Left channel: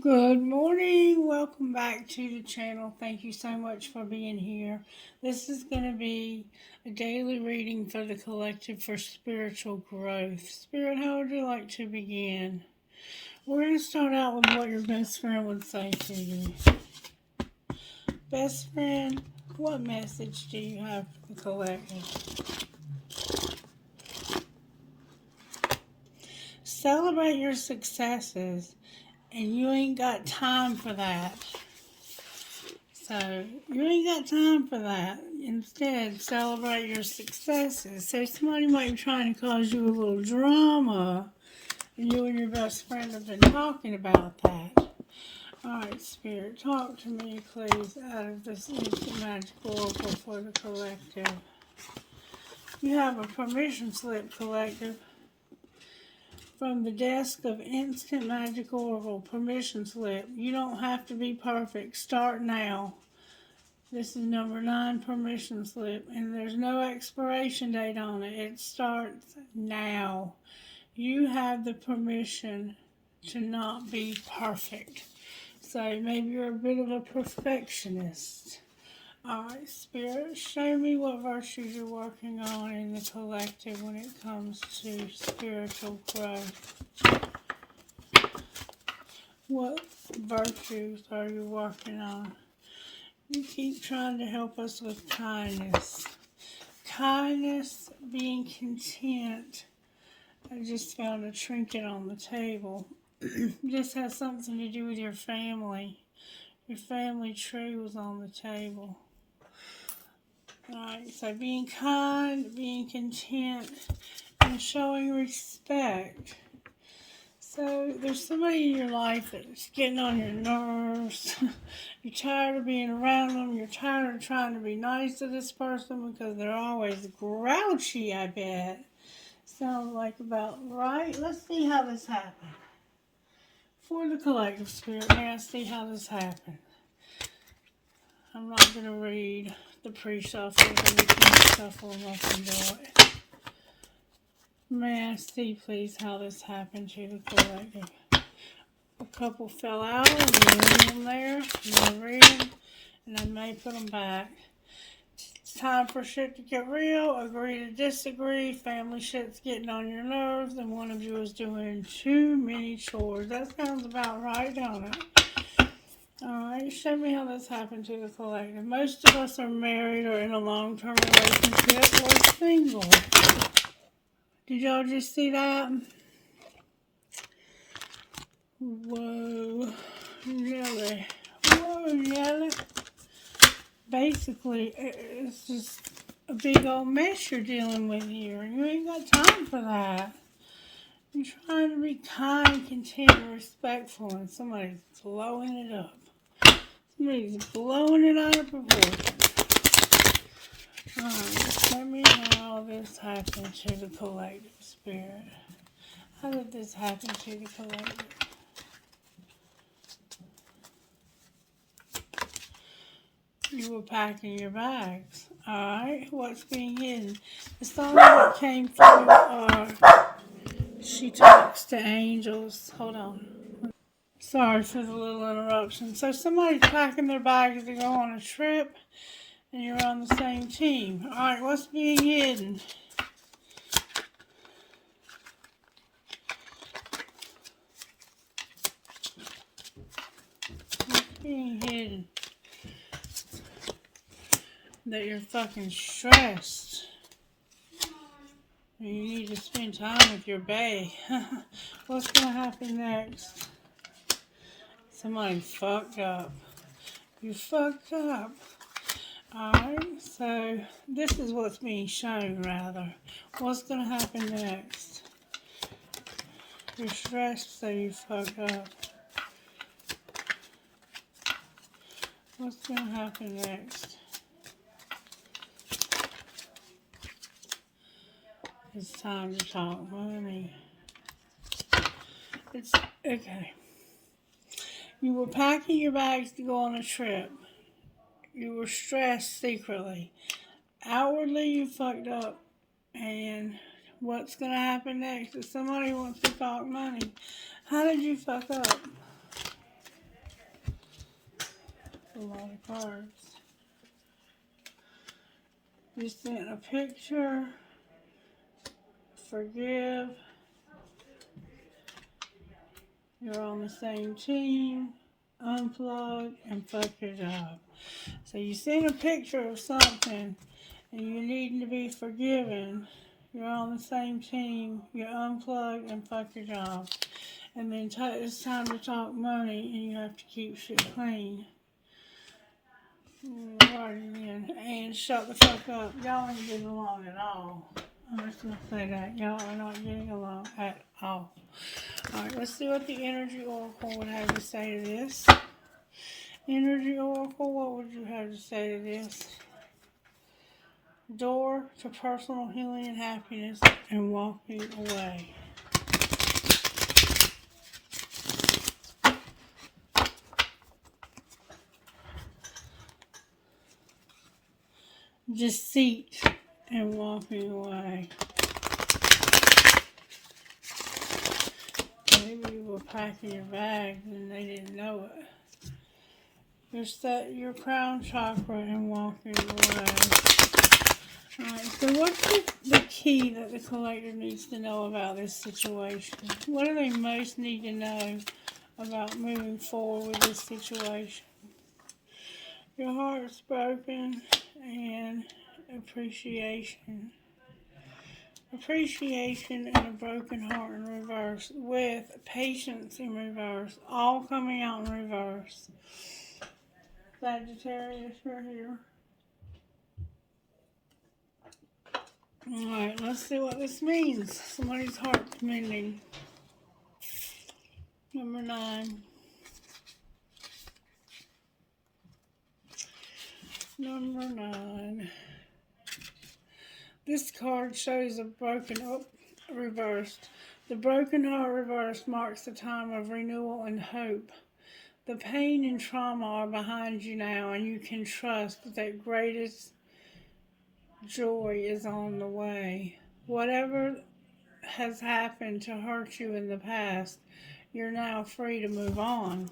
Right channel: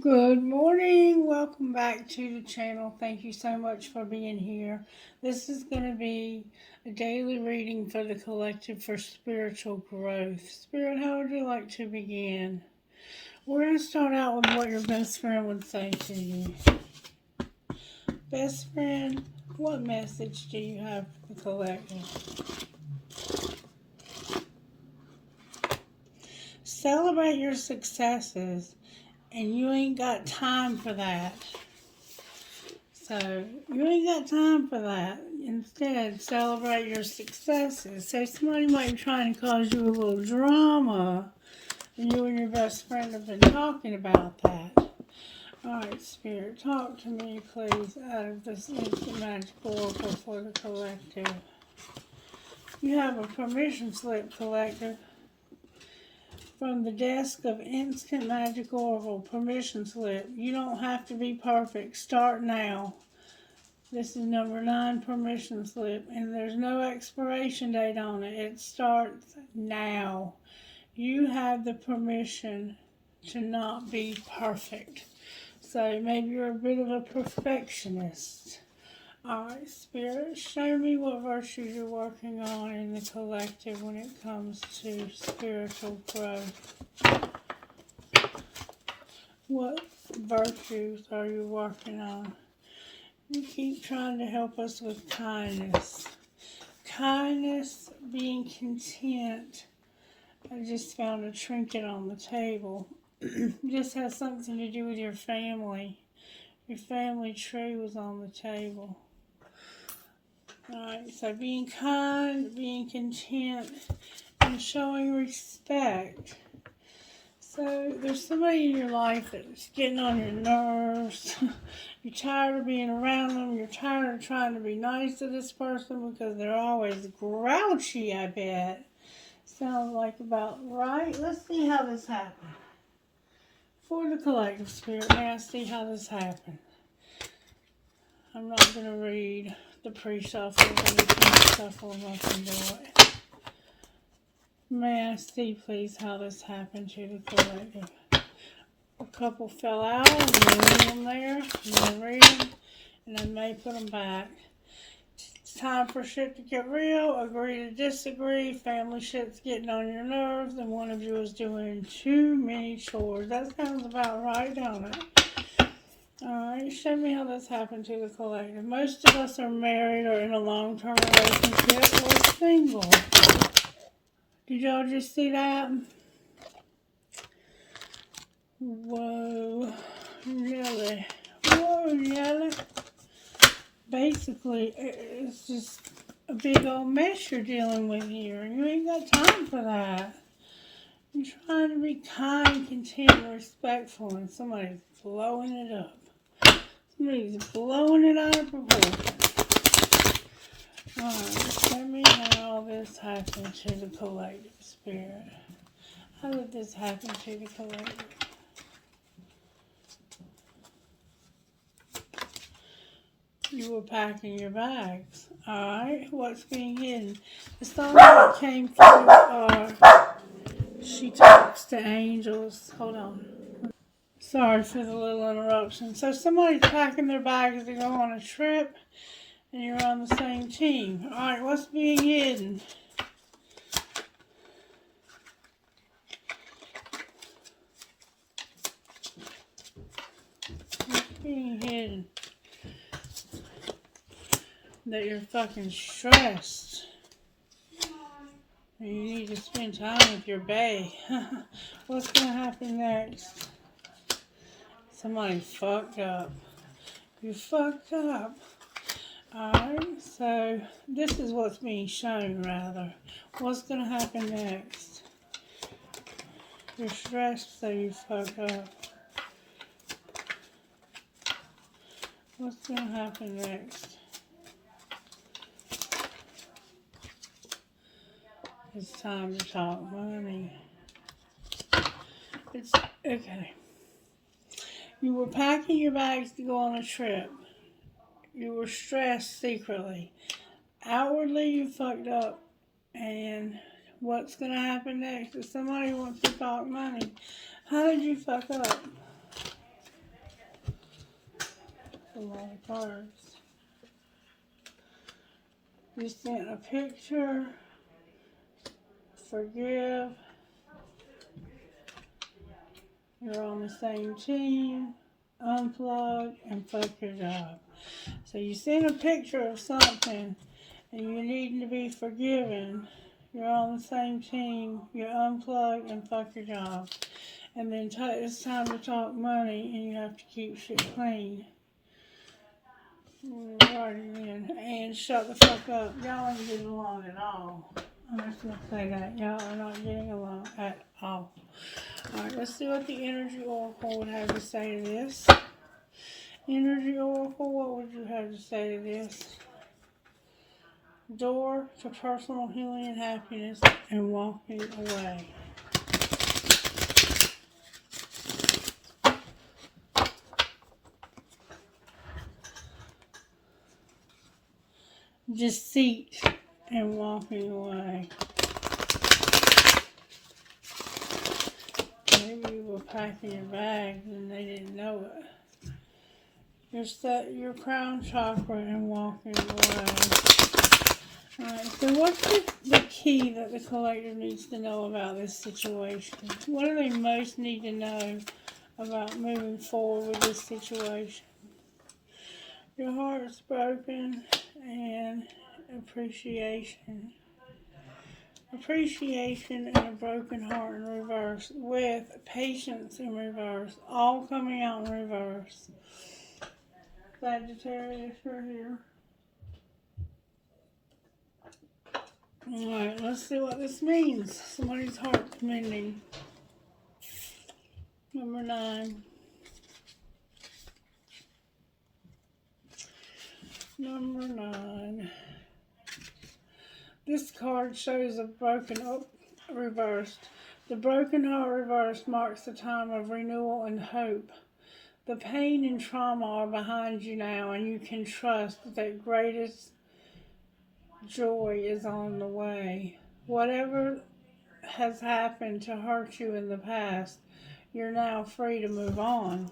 Good morning. Welcome back to the channel. Thank you so much for being here. This is going to be a daily reading for the collective for spiritual growth. Spirit, how would you like to begin? We're going to start out with what your best friend would say to you. Best friend, what message do you have for the collective? Celebrate your successes, and you ain't got time for that. So, you ain't got time for that. Instead, celebrate your successes. So, somebody might be trying to cause you a little drama, and you and your best friend have been talking about that. Alright, Spirit, talk to me, please, out of this instant magical oracle for the collective. You have a permission slip, collective. From the desk of Instant Magic Oracle, permission slip. You don't have to be perfect. Start now. This is number 9 permission slip, and there's no expiration date on it. It starts now. You have the permission to not be perfect. So maybe you're a bit of a perfectionist. Alright, Spirit, show me what virtues you're working on in the collective when it comes to spiritual growth. What virtues are you working on? You keep trying to help us with kindness. Kindness, being content. I just found a trinket on the table. This has something to do with your family. Your family tree was on the table. Alright, so being kind, being content, and showing respect. So there's somebody in your life that's getting on your nerves. You're tired of being around them. You're tired of trying to be nice to this person because they're always grouchy, I bet. Sounds like about right. Let's see how this happened. For the collective spirit, may I see how this happened? I'm not going to read the pre-shuffle. I'm going to shuffle them up and do it. May I see, please, how this happened to the collective? A couple fell out, and leave them there, and then read them, and then may put them back. It's time for shit to get real, agree to disagree, family shit's getting on your nerves, and one of you is doing too many chores. That sounds about right, don't it? Alright, show me how this happened to the collective. Most of us are married or in a long-term relationship or single. Did y'all just see that? Whoa, really? Whoa, really? Basically, it's just a big old mess you're dealing with here, and you ain't got time for that. You're trying to be kind, content, and respectful, and somebody's blowing it up. Somebody's blowing it out of proportion. Alright, tell me how this happened to the collective spirit. How did this happen to the collective? You were packing your bags. Alright, what's being hidden? The song that came through, she talks to angels. Hold on. Sorry for the little interruption. So somebody's packing their bags to go on a trip, and you're on the same team. Alright, what's being hidden? What's being hidden? That you're fucking stressed. You need to spend time with your bae. What's gonna happen next? Somebody fucked up. You fucked up. Alright, so this is what's being shown, rather. What's gonna happen next? You're stressed, so you fucked up. What's gonna happen next? It's time to talk money. It's okay. You were packing your bags to go on a trip. You were stressed secretly. Outwardly, you fucked up. And what's going to happen next? If somebody wants to talk money, how did you fuck up? lot of cards. You sent a picture, forgive, you're on the same team, unplug, and fuck your job. So you sent a picture of something and you need to be forgiven. You're on the same team, you're unplugged, and fuck your job. And then it's time to talk money and you have to keep shit clean. And shut the fuck up. Y'all aren't getting along at all. I'm just going to say that. Y'all are not getting along at all. Alright, let's see what the Energy Oracle would have to say to this. Energy Oracle, what would you have to say to this? Door to personal healing and happiness and walking away. Deceit and walking away. Maybe you were packing your bags and they didn't know it. Your crown chakra and walking away. Alright, so what's the key that the collective needs to know about this situation? What do they most need to know about moving forward with this situation? Your heart's broken and appreciation. Appreciation and a broken heart in reverse with patience in reverse. All coming out in reverse. Sagittarius, you're here. Alright, let's see what this means. Somebody's heart's mending. Number 9. Number 9. This card shows a broken, reversed. The broken heart reversed marks the time of renewal and hope. The pain and trauma are behind you now, and you can trust that greatest joy is on the way. Whatever has happened to hurt you in the past, you're now free to move on.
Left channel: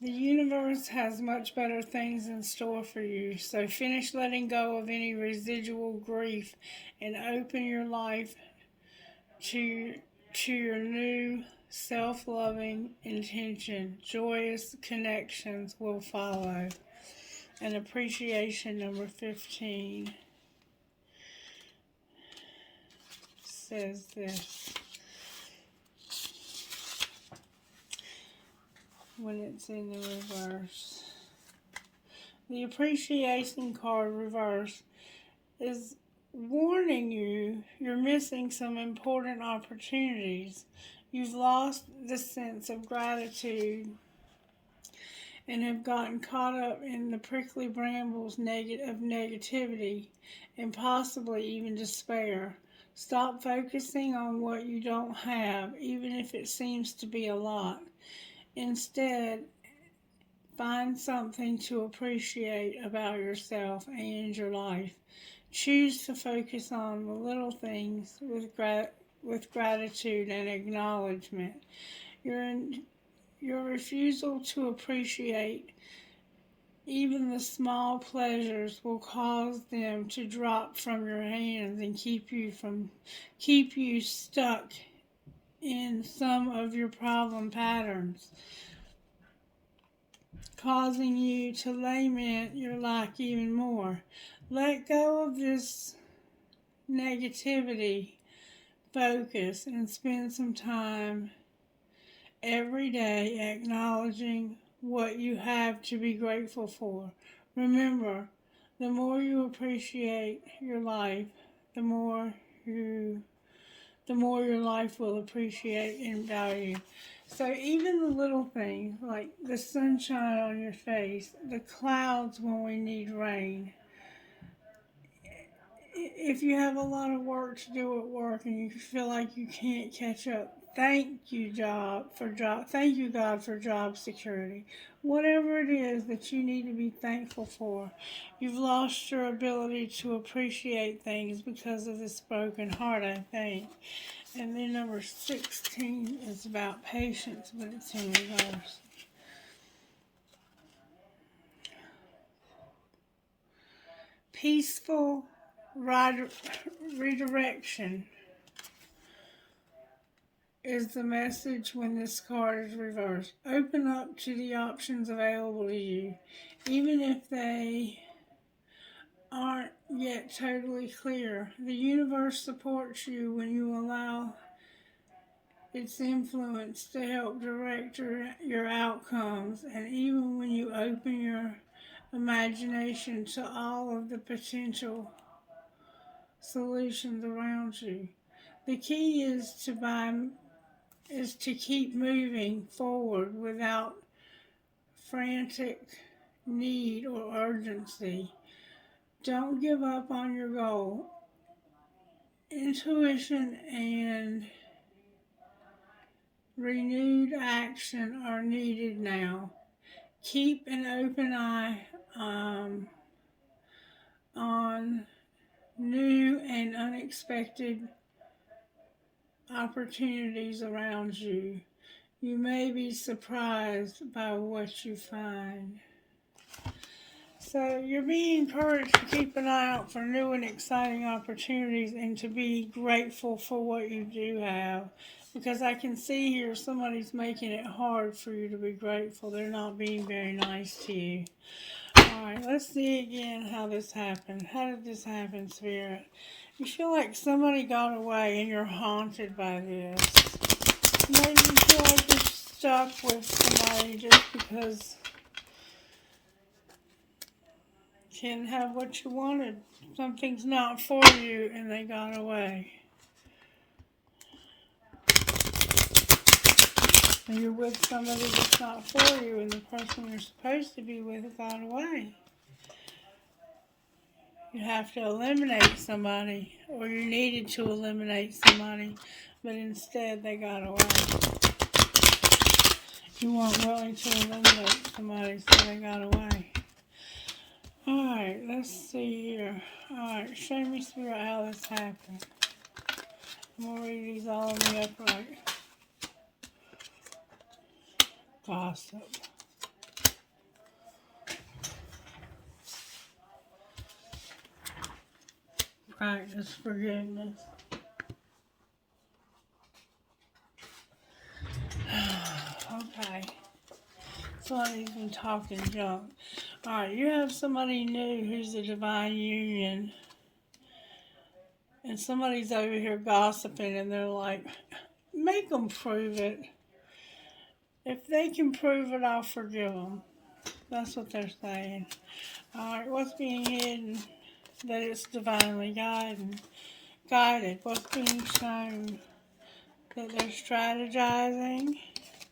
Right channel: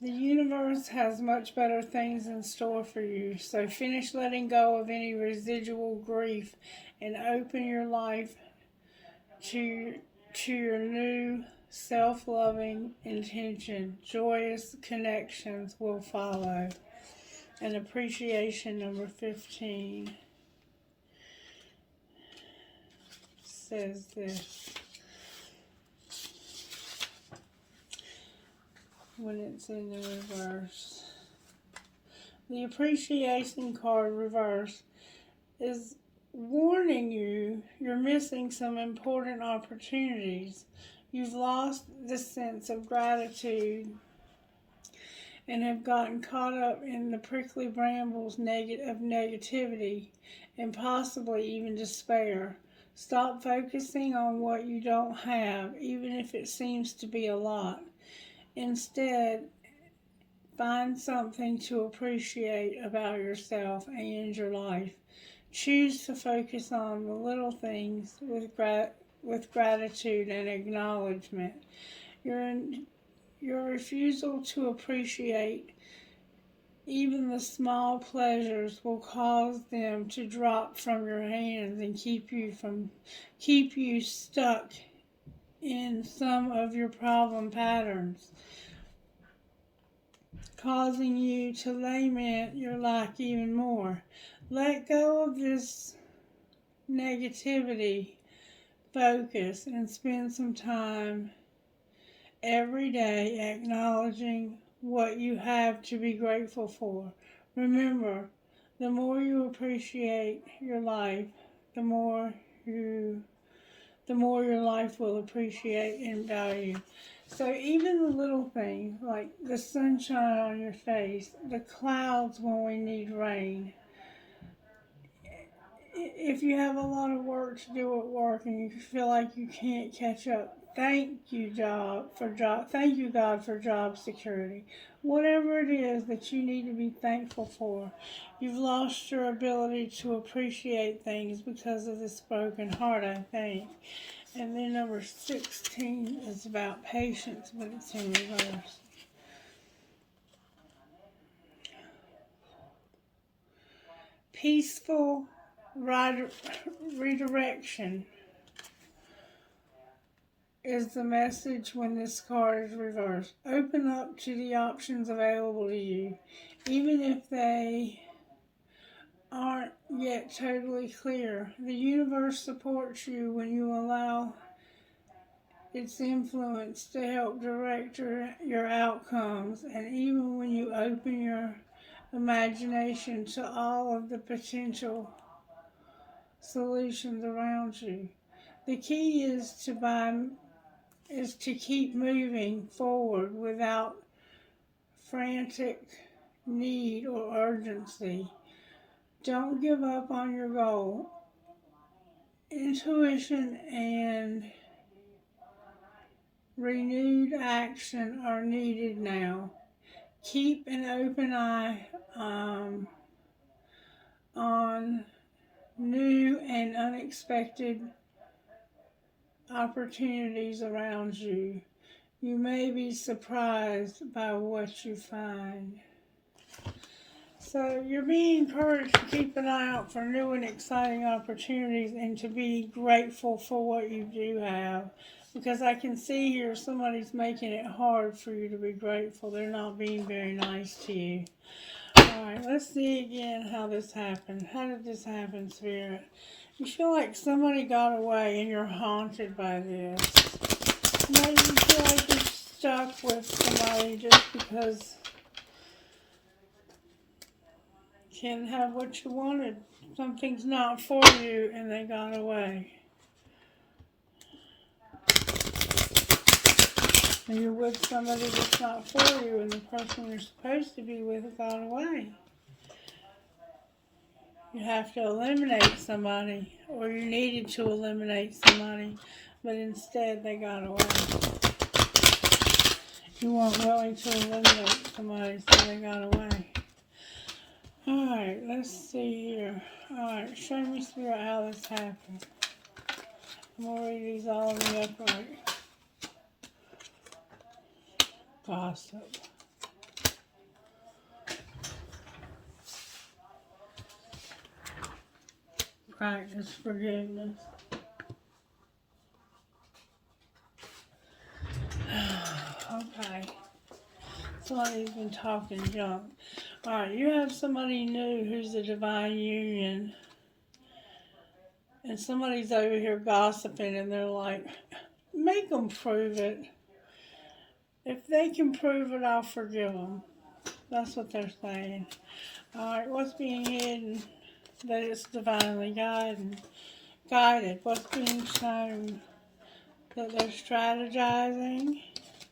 The universe has much better things in store for you, so finish letting go of any residual grief and open your life to your new self-loving intention. Joyous connections will follow. And appreciation, number 15, says this. When it's in the reverse. The appreciation card reverse is warning you you're missing some important opportunities. You've lost the sense of gratitude and have gotten caught up in the prickly brambles of negativity and possibly even despair. Stop focusing on what you don't have, even if it seems to be a lot. Instead, find something to appreciate about yourself and your life. Choose to focus on the little things with gratitude and acknowledgement. Your refusal to appreciate even the small pleasures will cause them to drop from your hands and keep you stuck in some of your problem patterns, causing you to lament your lack even more. Let go of this negativity focus and spend some time every day acknowledging what you have to be grateful for. Remember, the more you appreciate your life, the more your life will appreciate and value. So even the little things, like the sunshine on your face, the clouds when we need rain. If you have a lot of work to do at work and you feel like you can't catch up, thank you God for job security. Whatever it is that you need to be thankful for, you've lost your ability to appreciate things because of this broken heart, I think. And then number 16 is about patience, but it's in reverse. Peaceful redirection is the message when this card is reversed. Open up to the options available to you, even if they aren't yet totally clear. The universe supports you when you allow its influence to help direct your outcomes, and even when you open your imagination to all of the potential solutions around you. The key is to keep moving forward without frantic need or urgency. Don't give up on your goal. Intuition and renewed action are needed now. Keep an open eye on new and unexpected opportunities around you. You may be surprised by what you find. So you're being encouraged to keep an eye out for new and exciting opportunities and to be grateful for what you do have. Because I can see here somebody's making it hard for you to be grateful. They're not being very nice to you. Alright, let's see again how this happened. How did this happen, Spirit? You feel like somebody got away and you're haunted by this. Maybe you feel like you're stuck with somebody just because you can't have what you wanted. Something's not for you and they got away. And you're with somebody that's not for you and the person you're supposed to be with got away. You have to eliminate somebody, or you needed to eliminate somebody, but instead they got away. You weren't willing to eliminate somebody, so they got away. Alright, let's see here. Alright, show me, Spirit, how this happened. I'm going to read these all in the upright. Gossip. Practice forgiveness. Okay. Somebody's been talking junk. Alright, you have somebody new who's a divine union. And somebody's over here gossiping and they're like, make them prove it. If they can prove it, I'll forgive them. That's what they're saying. Alright, what's being hidden? That it's divinely guided. What's being shown? That they're strategizing.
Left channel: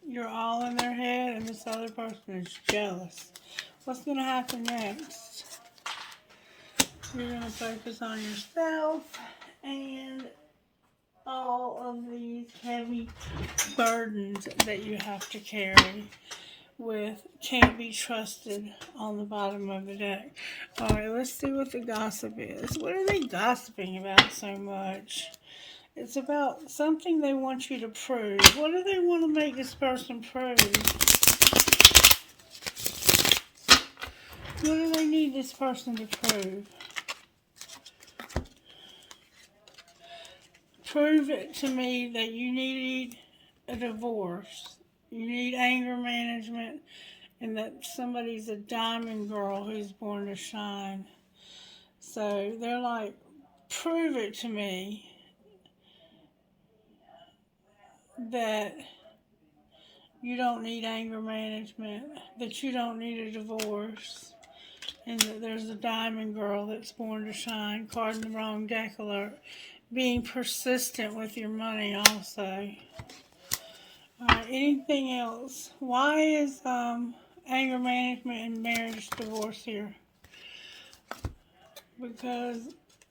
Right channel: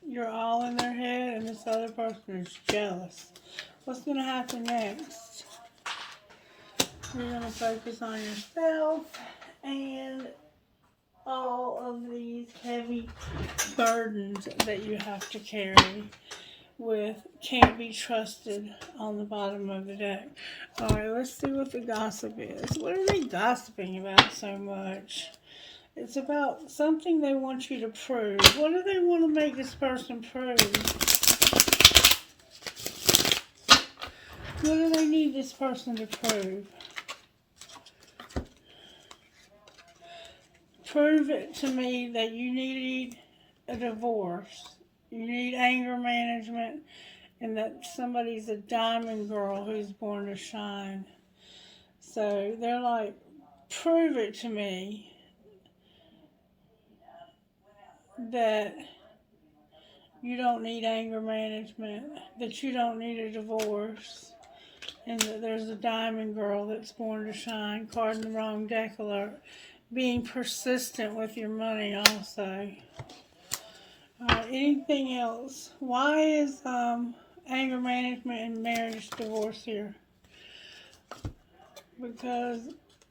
You're all in their head and this other person is jealous. What's going to happen next? You're going to focus on yourself and all of these heavy burdens that you have to carry with can't be trusted on the bottom of the deck. Alright, let's see what the gossip is. What are they gossiping about so much? It's about something they want you to prove. What do they want to make this person prove? What do they need this person to prove? Prove it to me that you need a divorce. You need anger management, and that somebody's a diamond girl who's born to shine. So they're like, prove it to me that you don't need anger management, that you don't need a divorce, and that there's a diamond girl that's born to shine. Card in the wrong deck alert. Being persistent with your money also. Anything else? Why is anger management and marriage divorce here? Because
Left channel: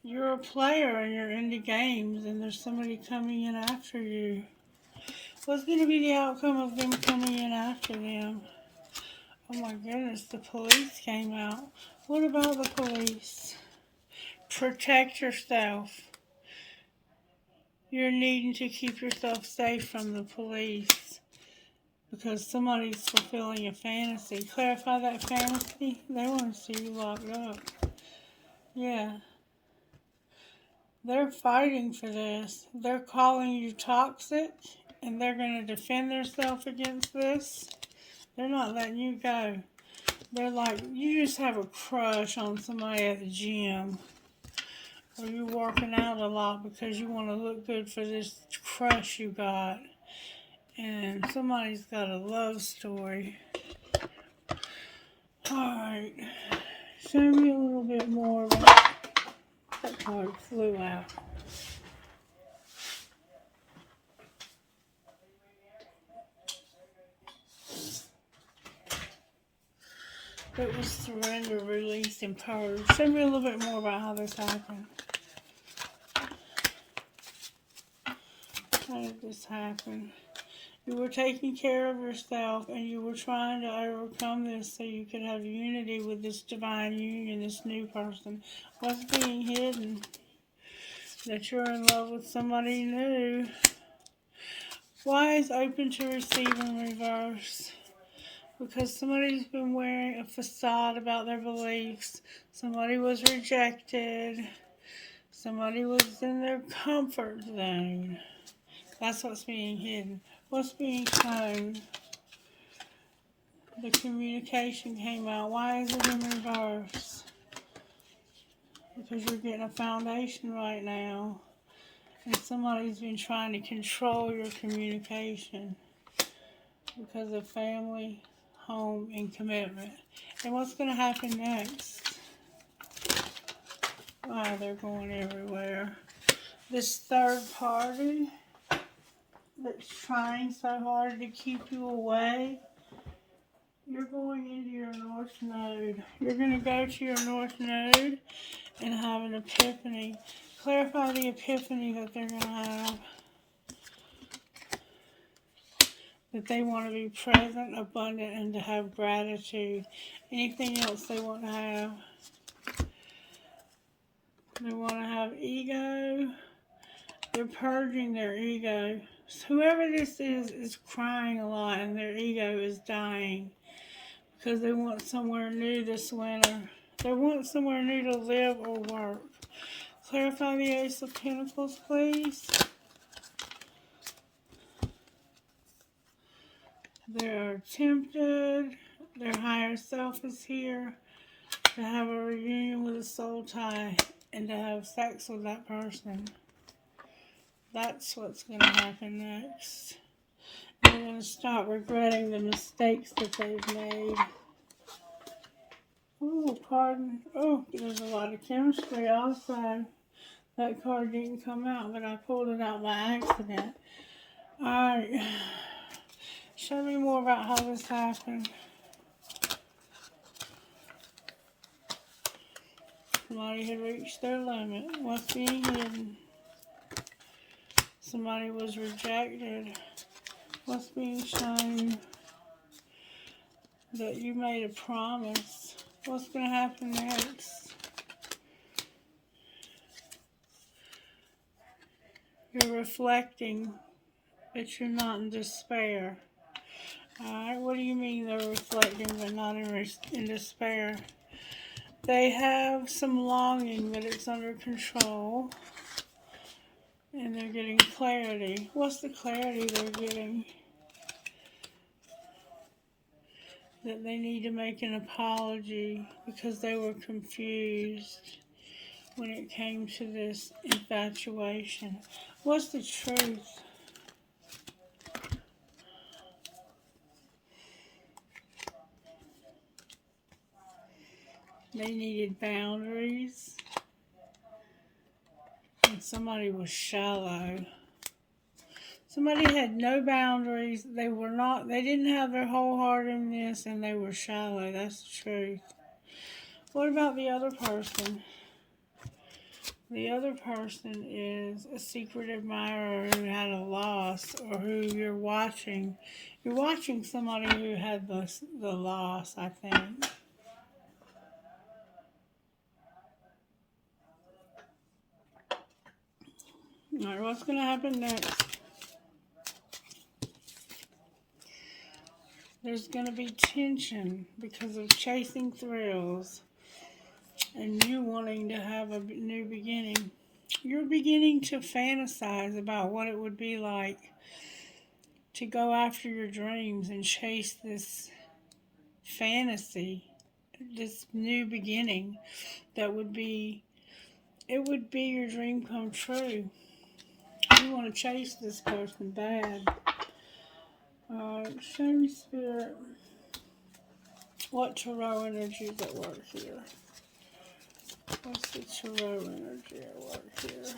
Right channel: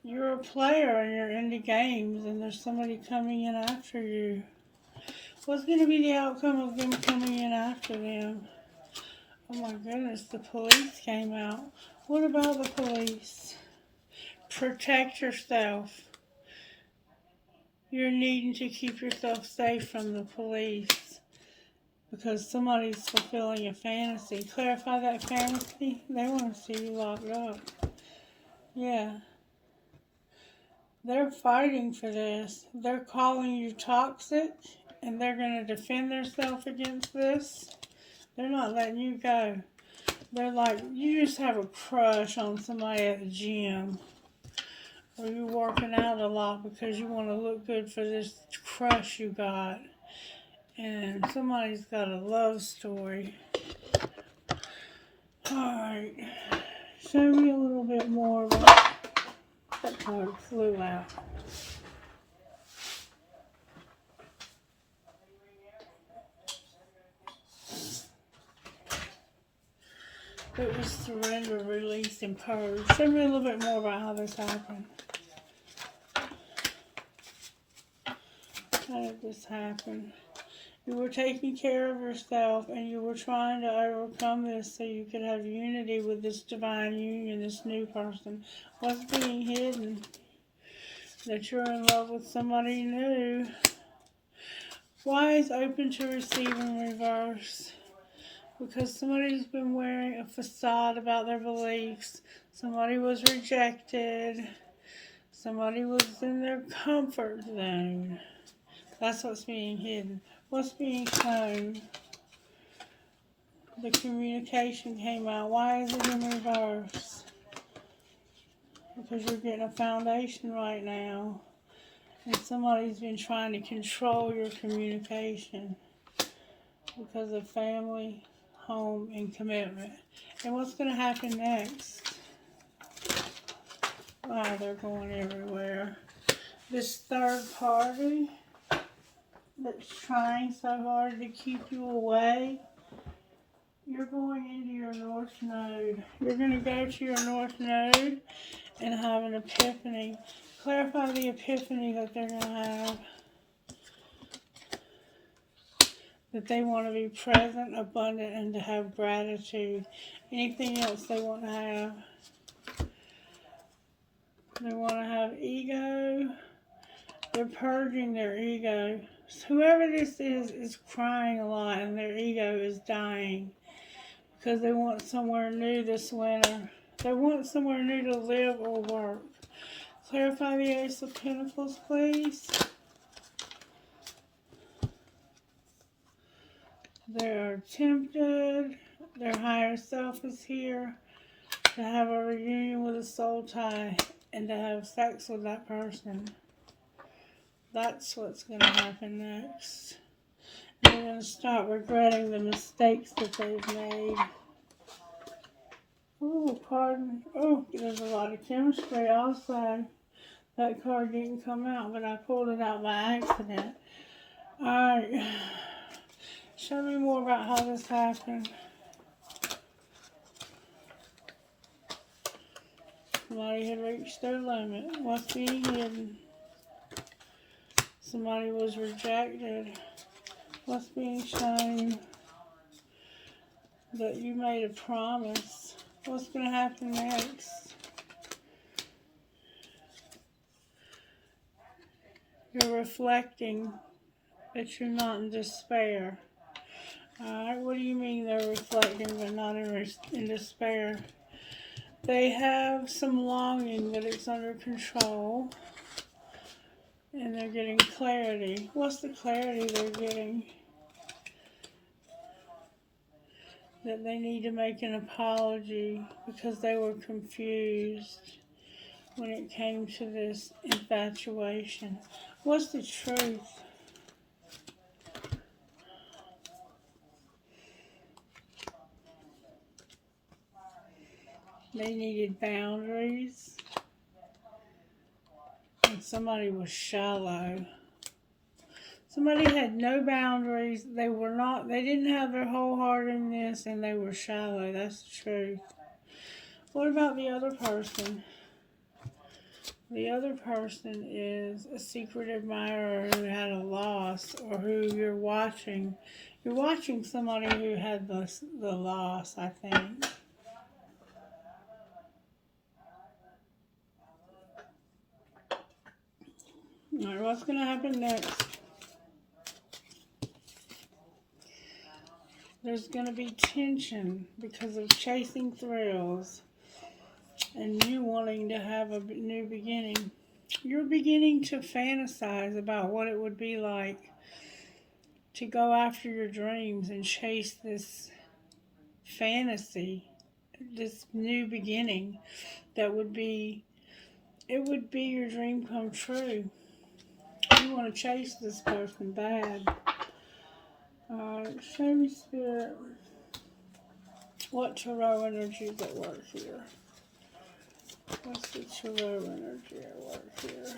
you're a player and you're into games and there's somebody coming in after you. What's going to be the outcome of them coming in after them? Oh my goodness, the police came out. What about the police? Protect yourself. You're needing to keep yourself safe from the police because somebody's fulfilling a fantasy. Clarify that fantasy. They want to see you locked up. Yeah. They're fighting for this. They're calling you toxic, and they're going to defend themselves against this. They're not letting you go. They're like, you just have a crush on somebody at the gym, or you're working out a lot because you want to look good for this crush you got. And somebody's got a love story. Alright, show me a little bit more about that card flew out. It was surrender, release, and purge. Show me a little bit more about how this happened. How did this happen? You were taking care of yourself, and you were trying to overcome this so you could have unity with this divine union, this new person. What's being hidden? That you're in love with somebody new. Why is open to receive in reverse? Because somebody's been wearing a facade about their beliefs. Somebody was rejected. Somebody was in their comfort zone. That's what's being hidden. What's being shown? The communication came out. Why is it in reverse? Because you're getting a foundation right now. And somebody's been trying to control your communication because of family, home, and commitment. And what's going to happen next? Oh, they're going everywhere. This third party that's trying so hard to keep you away, you're going into your North Node. You're going to go to your North Node and have an epiphany. Clarify the epiphany that they're going to have. That they want to be present, abundant, and to have gratitude. Anything else they want to have? They want to have ego. They're purging their ego. So whoever this is crying a lot and their ego is dying because they want somewhere new this winter. They want somewhere new to live or work. Clarify the Ace of Pentacles, please. They are tempted. Their higher self is here to have a reunion with a soul tie and to have sex with that person. That's what's going to happen next. And they're going to start regretting the mistakes that they've made. Oh, pardon. Oh, there's a lot of chemistry also. That card didn't come out, but I pulled it out by accident. Alright. Show me more about how this happened. Somebody had reached their limit. What's being hidden? Somebody was rejected. What's being shown? That you made a promise. What's going to happen next? You're reflecting that you're not in despair. Alright, what do you mean they're reflecting but not in despair? They have some longing, but it's under control. And they're getting clarity. What's the clarity they're getting? That they need to make an apology because they were confused when it came to this infatuation. What's the truth? They needed boundaries. And somebody was shallow. Somebody had no boundaries. They didn't have their whole heart in this, and they were shallow. That's the truth. What about the other person? The other person is a secret admirer who had a loss, or who you're watching. You're watching somebody who had the loss, I think. Alright, what's going to happen next? There's going to be tension because of chasing thrills. and you wanting to have a new beginning. You're beginning to fantasize about what it would be like to go after your dreams and chase this fantasy, this new beginning that would be, it would be your dream come true. You want to chase this person bad. Show me, Spirit, what tarot energy is at work here. What's the tarot energy at work here?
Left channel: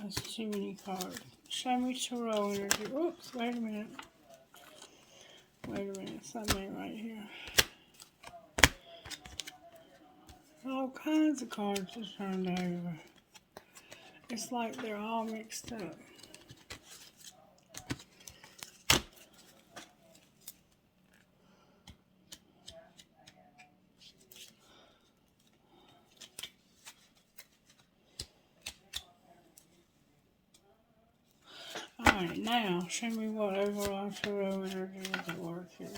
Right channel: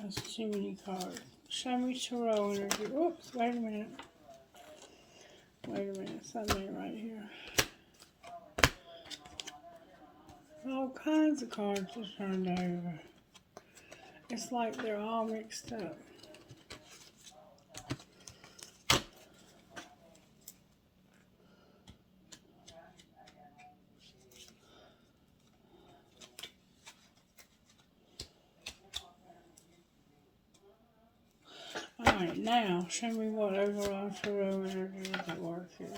That's too many cards. Show me tarot energy. Oops, wait a minute. Wait a minute, something right here. All kinds of cards are turned over. It's like they're all mixed up. Alright, now show me what overall tarot energy is at work here.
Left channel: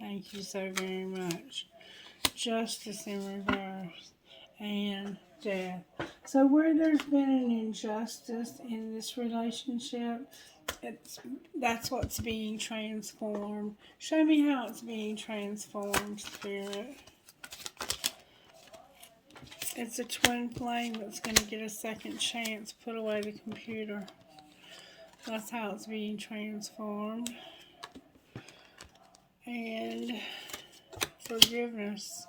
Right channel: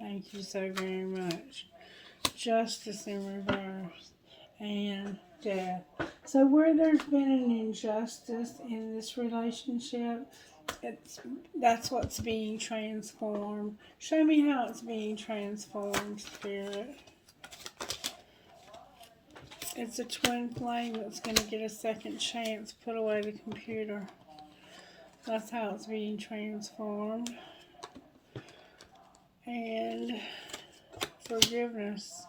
Thank you so very much. Justice in reverse and death. So where there's been an injustice in this relationship, that's what's being transformed. Show me how it's being transformed, Spirit. It's a twin flame that's going to get a second chance. Put away the computer. That's how it's being transformed. And forgiveness.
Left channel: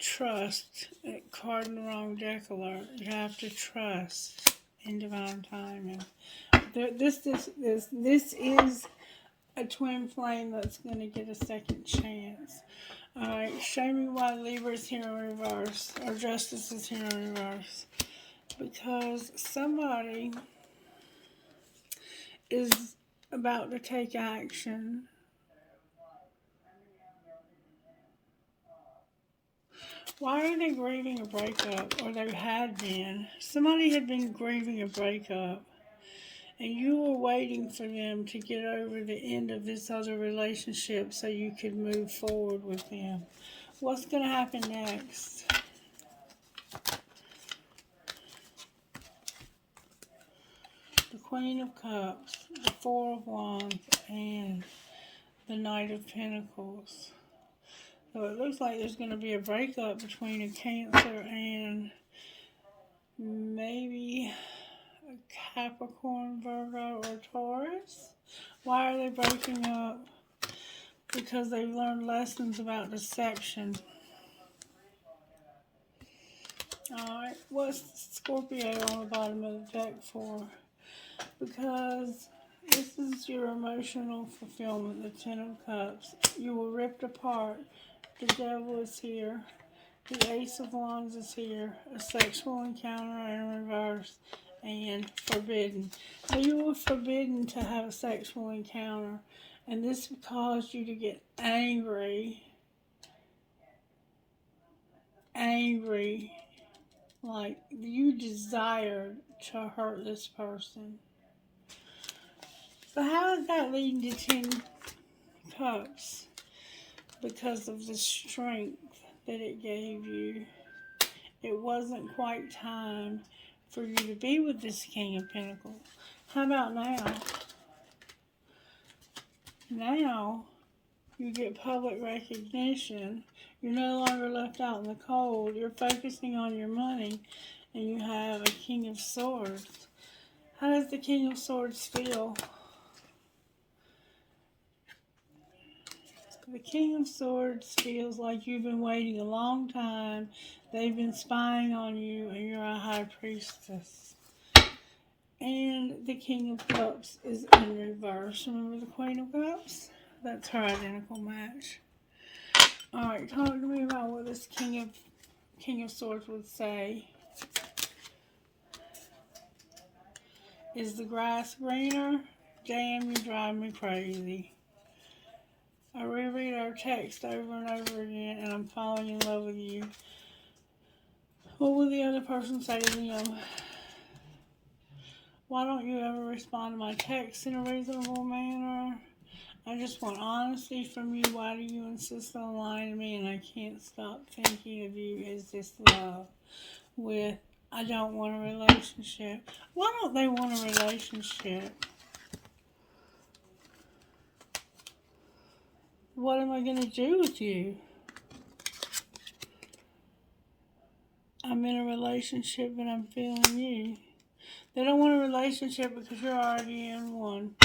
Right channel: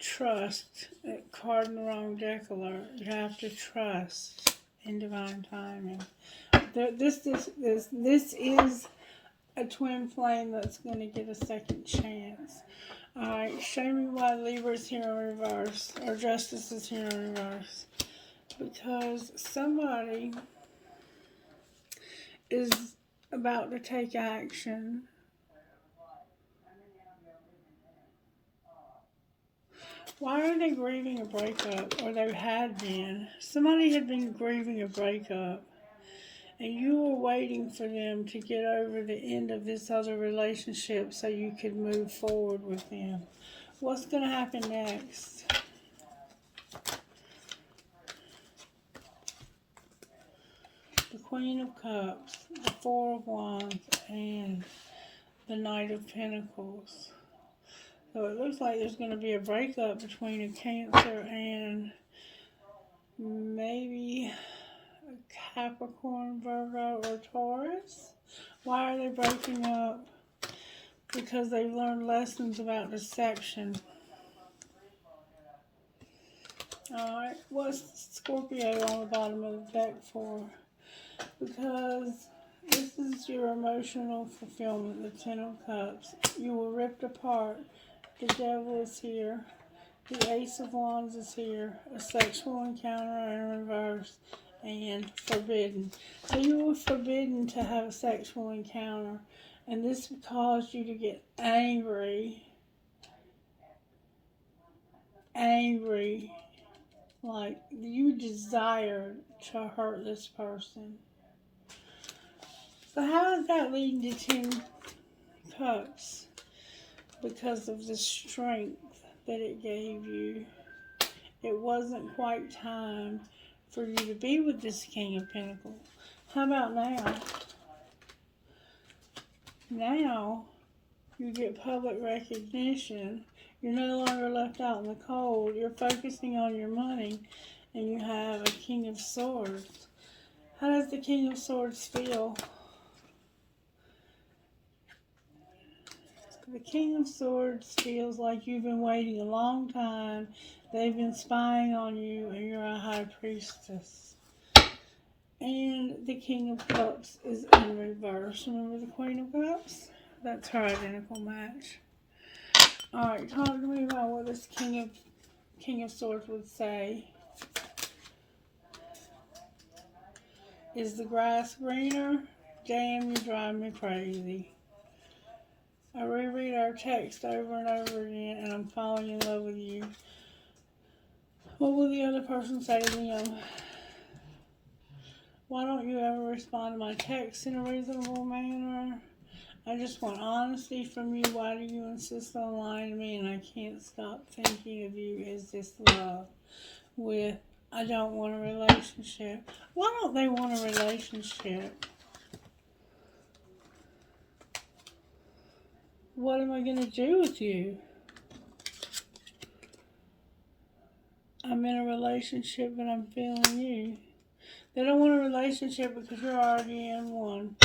Trust. That card in the wrong deck alert. You have to trust in divine timing. This is a twin flame that's going to get a second chance. Alright, show me why Libra's here in reverse, or Justice is here in reverse. Because somebody is about to take action. Why are they grieving a breakup? Or they had been. Somebody had been grieving a breakup. And you were waiting for them to get over the end of this other relationship so you could move forward with them. What's going to happen next? The Queen of Cups, the Four of Wands, and the Knight of Pentacles. So it looks like there's going to be a breakup between a Cancer and maybe a Capricorn, Virgo, or Taurus. Why are they breaking up? Because they've learned lessons about deception. Alright, what's Scorpio on the bottom of the deck for? Because this is your emotional fulfillment, the Ten of Cups. You were ripped apart. The Devil is here. The Ace of Wands is here. A sexual encounter in reverse. And forbidden. So you were forbidden to have a sexual encounter. And this caused you to get angry. Like you desired to hurt this person. So how is that leading to 10 Cups? Because of the strength that it gave you. It wasn't quite time for you to be with this King of Pentacles. How about now? Now, you get public recognition. You're no longer left out in the cold. You're focusing on your money, and you have a King of Swords. How does the King of Swords feel? The King of Swords feels like you've been waiting a long time. They've been spying on you, and you're a High Priestess. And the King of Cups is in reverse. Remember the Queen of Cups? That's her identical match. Alright, talk to me about what this King of Swords would say. Is the grass greener? Damn, you drive me crazy. I reread our text over and over again, and I'm falling in love with you. What will the other person say to them? Why don't you ever respond to my texts in a reasonable manner? I just want honesty from you. Why do you insist on lying to me? And I can't stop thinking of you. Is this love? With, I don't want a relationship. Why don't they want a relationship? What am I going to do with you? I'm in a relationship, but I'm feeling you. They don't want a relationship because you're already in one.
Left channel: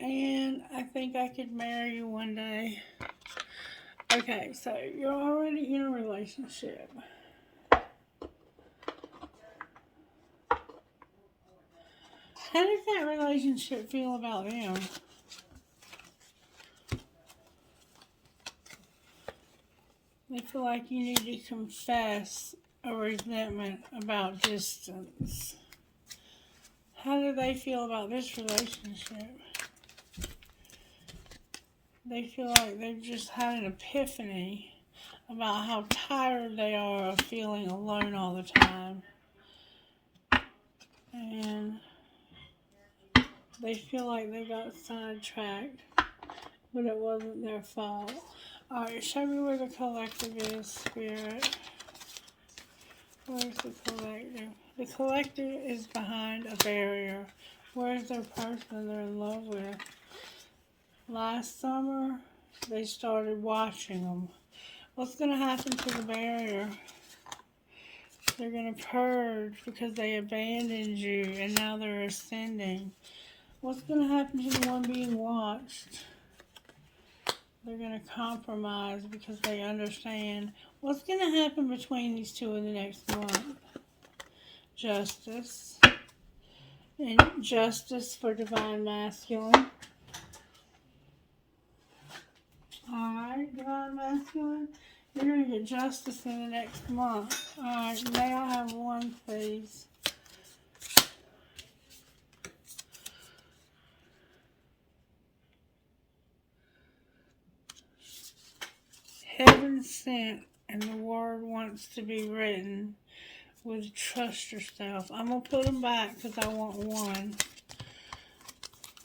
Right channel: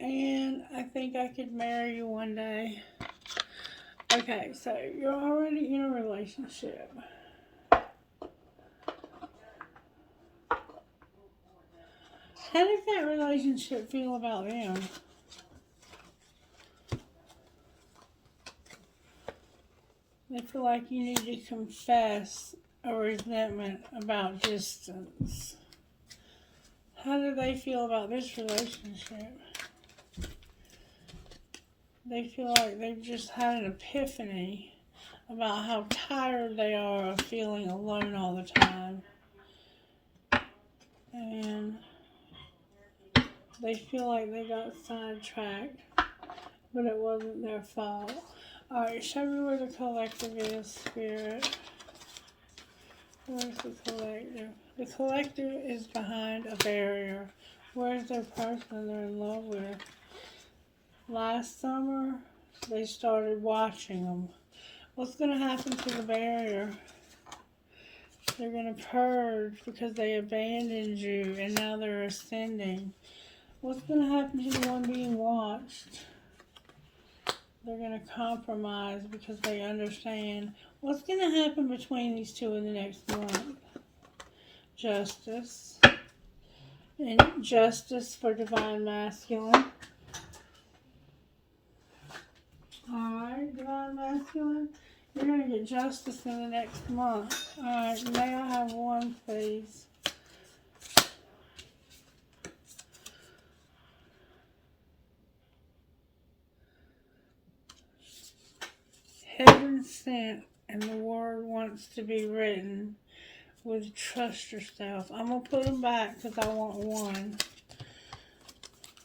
And I think I could marry you one day. Okay, so you're already in a relationship. How does that relationship feel about them? They feel like you need to confess a resentment about distance. How do they feel about this relationship? They feel like they've just had an epiphany about how tired they are of feeling alone all the time. And they feel like they got sidetracked, but it wasn't their fault. Alright, show me where the collective is, Spirit. Where's the collective? The collective is behind a barrier. Where's their person they're in love with? Last summer, they started watching them. What's going to happen to the barrier? They're going to purge because they abandoned you and now they're ascending. What's going to happen to the one being watched? They're going to compromise because they understand. What's going to happen between these two in the next month? Justice. And justice for divine masculine. Alright, divine masculine. You're going to get justice in the next month. Alright, may I have one, please? Heaven sent, and the word wants to be written with trust yourself. I'm going to put them back because I want one.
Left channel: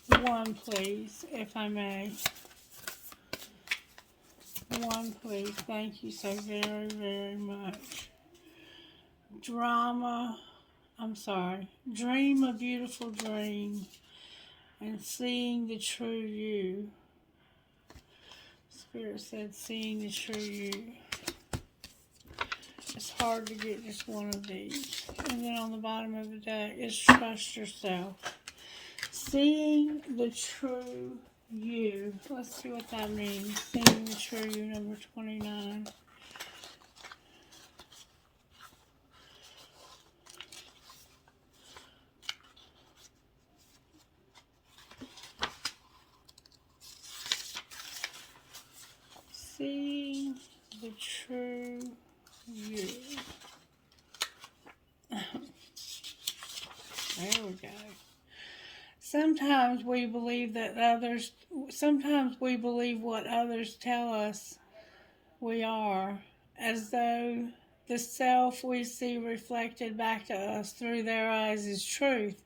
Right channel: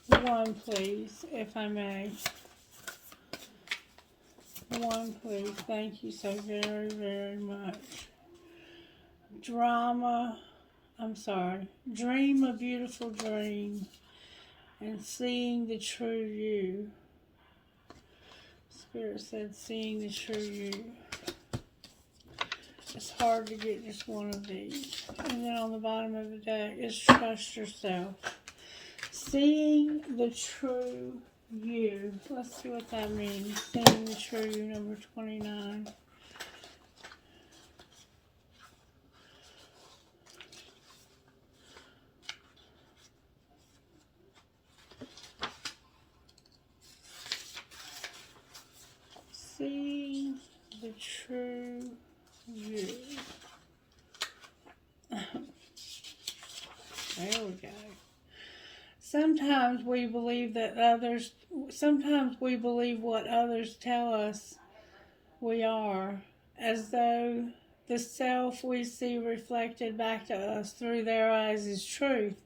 One, please, if I may. One, please. Thank you so very, very much. Dream a beautiful dream and seeing the true you. Spirit said seeing the true you. It's hard to get just one of these. And then on the bottom of the deck is trust yourself. Seeing the true you. Let's see what that means. Seeing the true you, number 29. Seeing the true you. There we go. Sometimes we believe what others tell us we are, as though the self we see reflected back to us through their eyes is truth.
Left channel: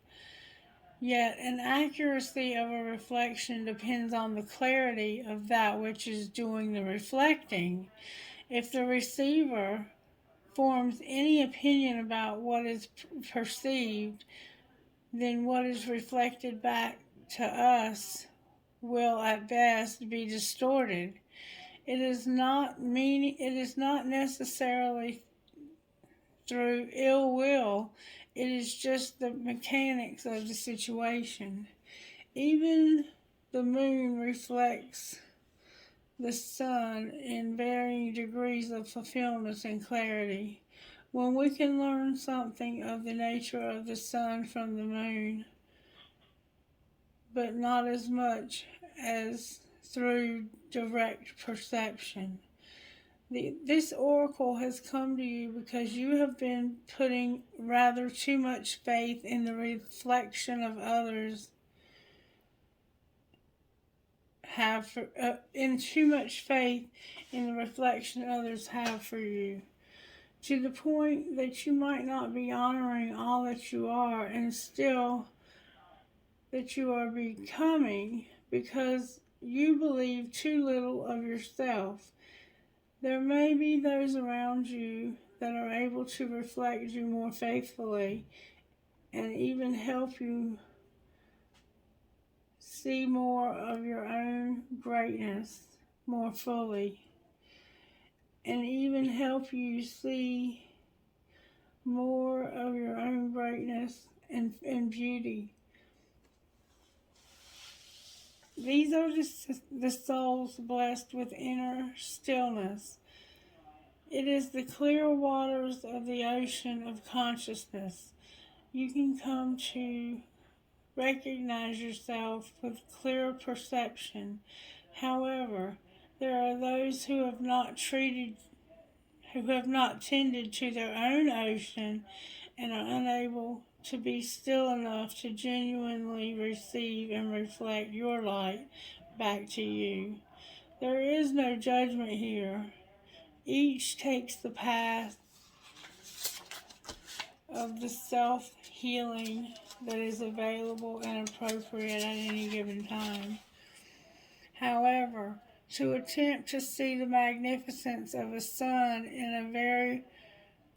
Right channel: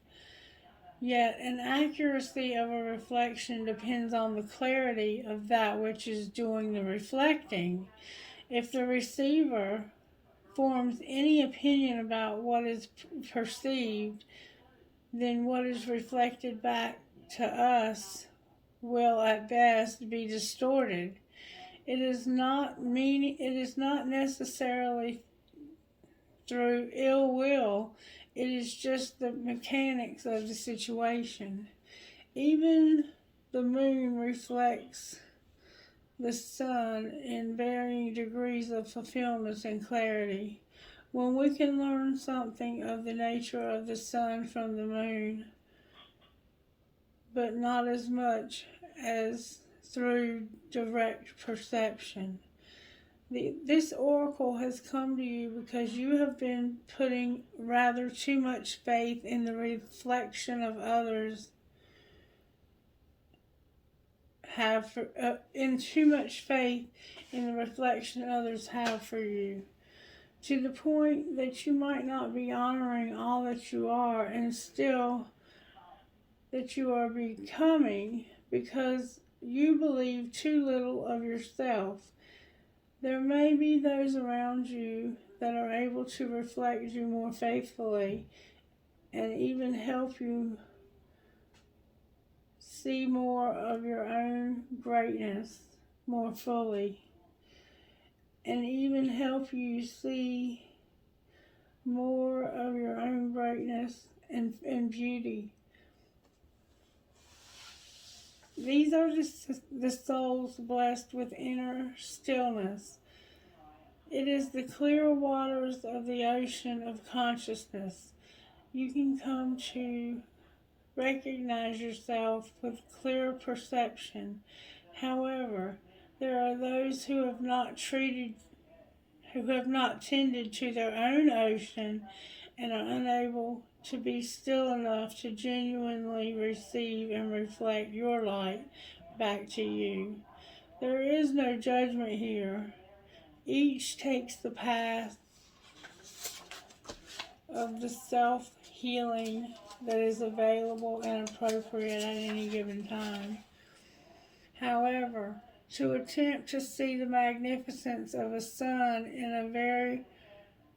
Yet an accuracy of a reflection depends on the clarity of that which is doing the reflecting. If the receiver forms any opinion about what is perceived, then what is reflected back to us will at best be distorted. It is not necessarily through ill will. It is just the mechanics of the situation. Even the moon reflects the sun in varying degrees of fulfillment and clarity. When we can learn something of the nature of the sun from the moon, but not as much as through direct perception. This oracle has come to you because you have been putting rather too much faith in the reflection of others in too much faith in the reflection others have for you, to the point that you might not be honoring all that you are and still that you are becoming because you believe too little of yourself. There may be those around you that are able to reflect you more faithfully and even help you see more of your own greatness more fully, and even help you see more of your own greatness and beauty. These are the souls blessed with inner stillness. It is the clear waters of the ocean of consciousness. You can come to recognize yourself with clear perception. However, there are those who have not tended to their own ocean and are unable to be still enough to genuinely receive and reflect your light back to you. There is no judgment here. Each takes the path of the self-healing that is available and appropriate at any given time. However, to attempt to see the magnificence of a sun in a very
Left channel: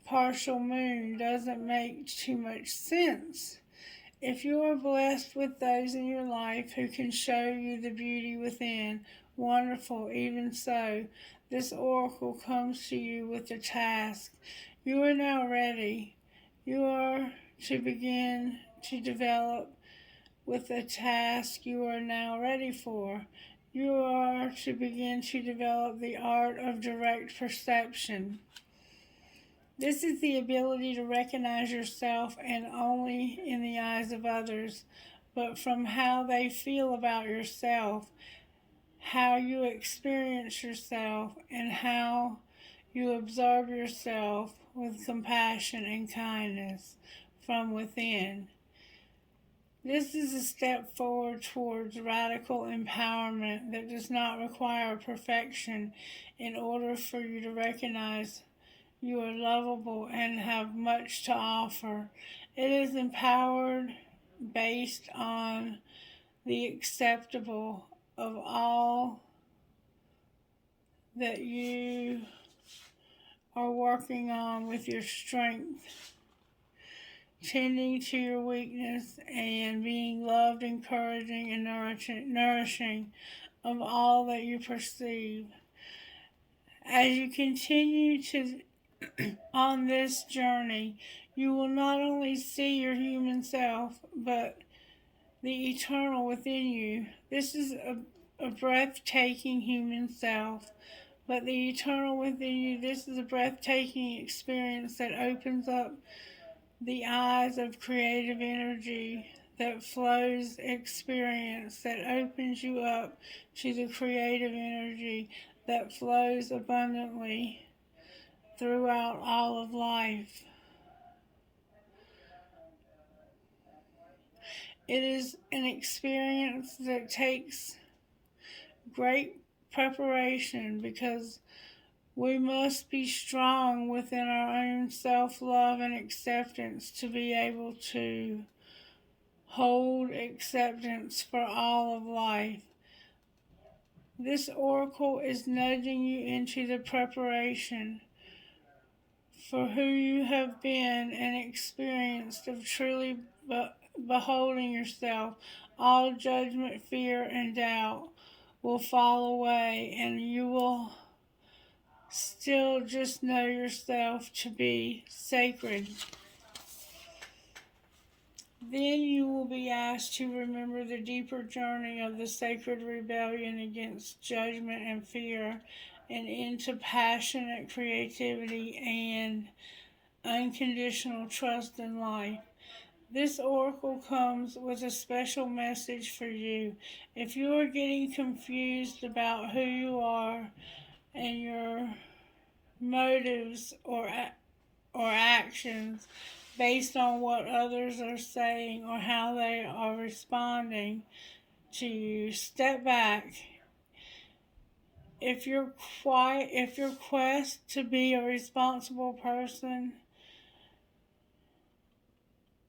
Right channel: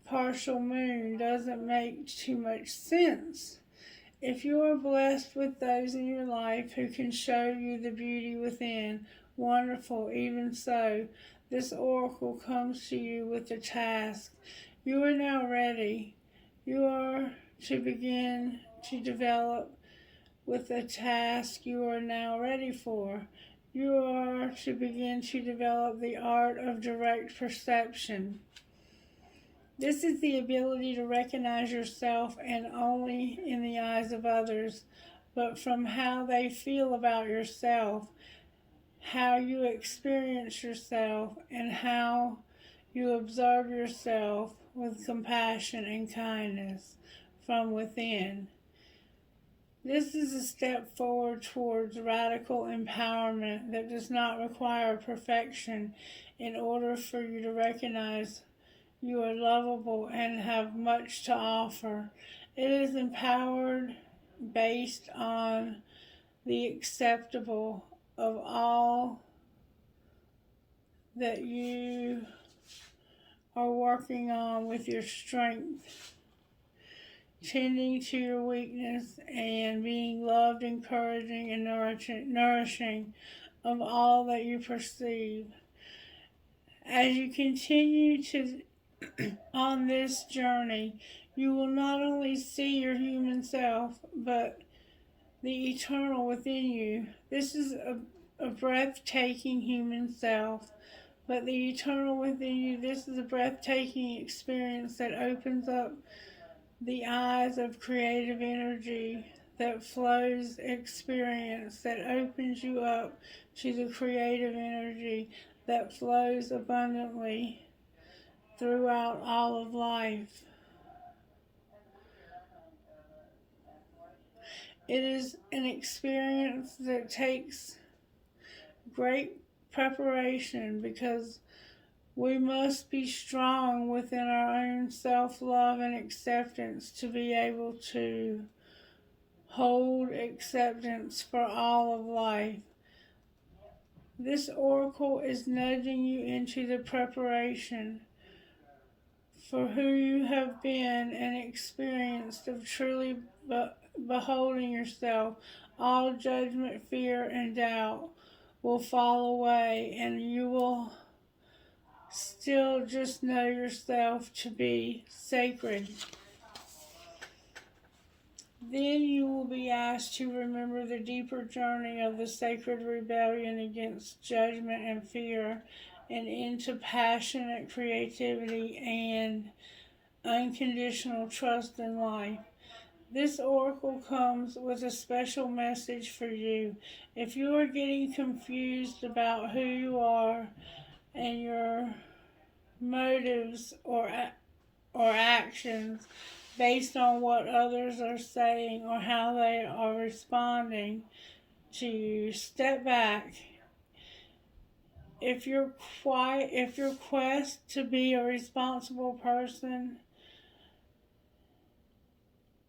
partial moon doesn't make too much sense. If you are blessed with those in your life who can show you the beauty within, wonderful. Even so, this oracle comes to you with the task. You are now ready. You are to begin to develop with the task you are now ready for. You are to begin to develop the art of direct perception. This is the ability to recognize yourself and only in the eyes of others, but from how they feel about yourself, how you experience yourself, and how you observe yourself with compassion and kindness from within. This is a step forward towards radical empowerment that does not require perfection in order for you to recognize you are lovable and have much to offer. It is empowered based on the acceptable of all that you are working on with your strength, tending to your weakness, and being loved, encouraging, and nourishing of all that you perceive. As you continue to on this journey, you will not only see your human self, but the eternal within you. This is a breathtaking human self, but the eternal within you, this is a breathtaking experience that opens up the eyes of creative energy that flows experience, that opens you up to the creative energy that flows abundantly throughout all of life. It is an experience that takes great preparation because we must be strong within our own self-love and acceptance to be able to hold acceptance for all of life. This oracle is nudging you into the preparation for who you have been and experienced of truly beholding yourself. All judgment, fear, and doubt will fall away, and you will still just know yourself to be sacred. Then you will be asked to remember the deeper journey of the sacred rebellion against judgment and fear and into passionate creativity and unconditional trust in life. This oracle comes with a special message for you. If you are getting confused about who you are and your motives or actions based on what others are saying or how they are responding to you, step back if your quest to be a responsible person,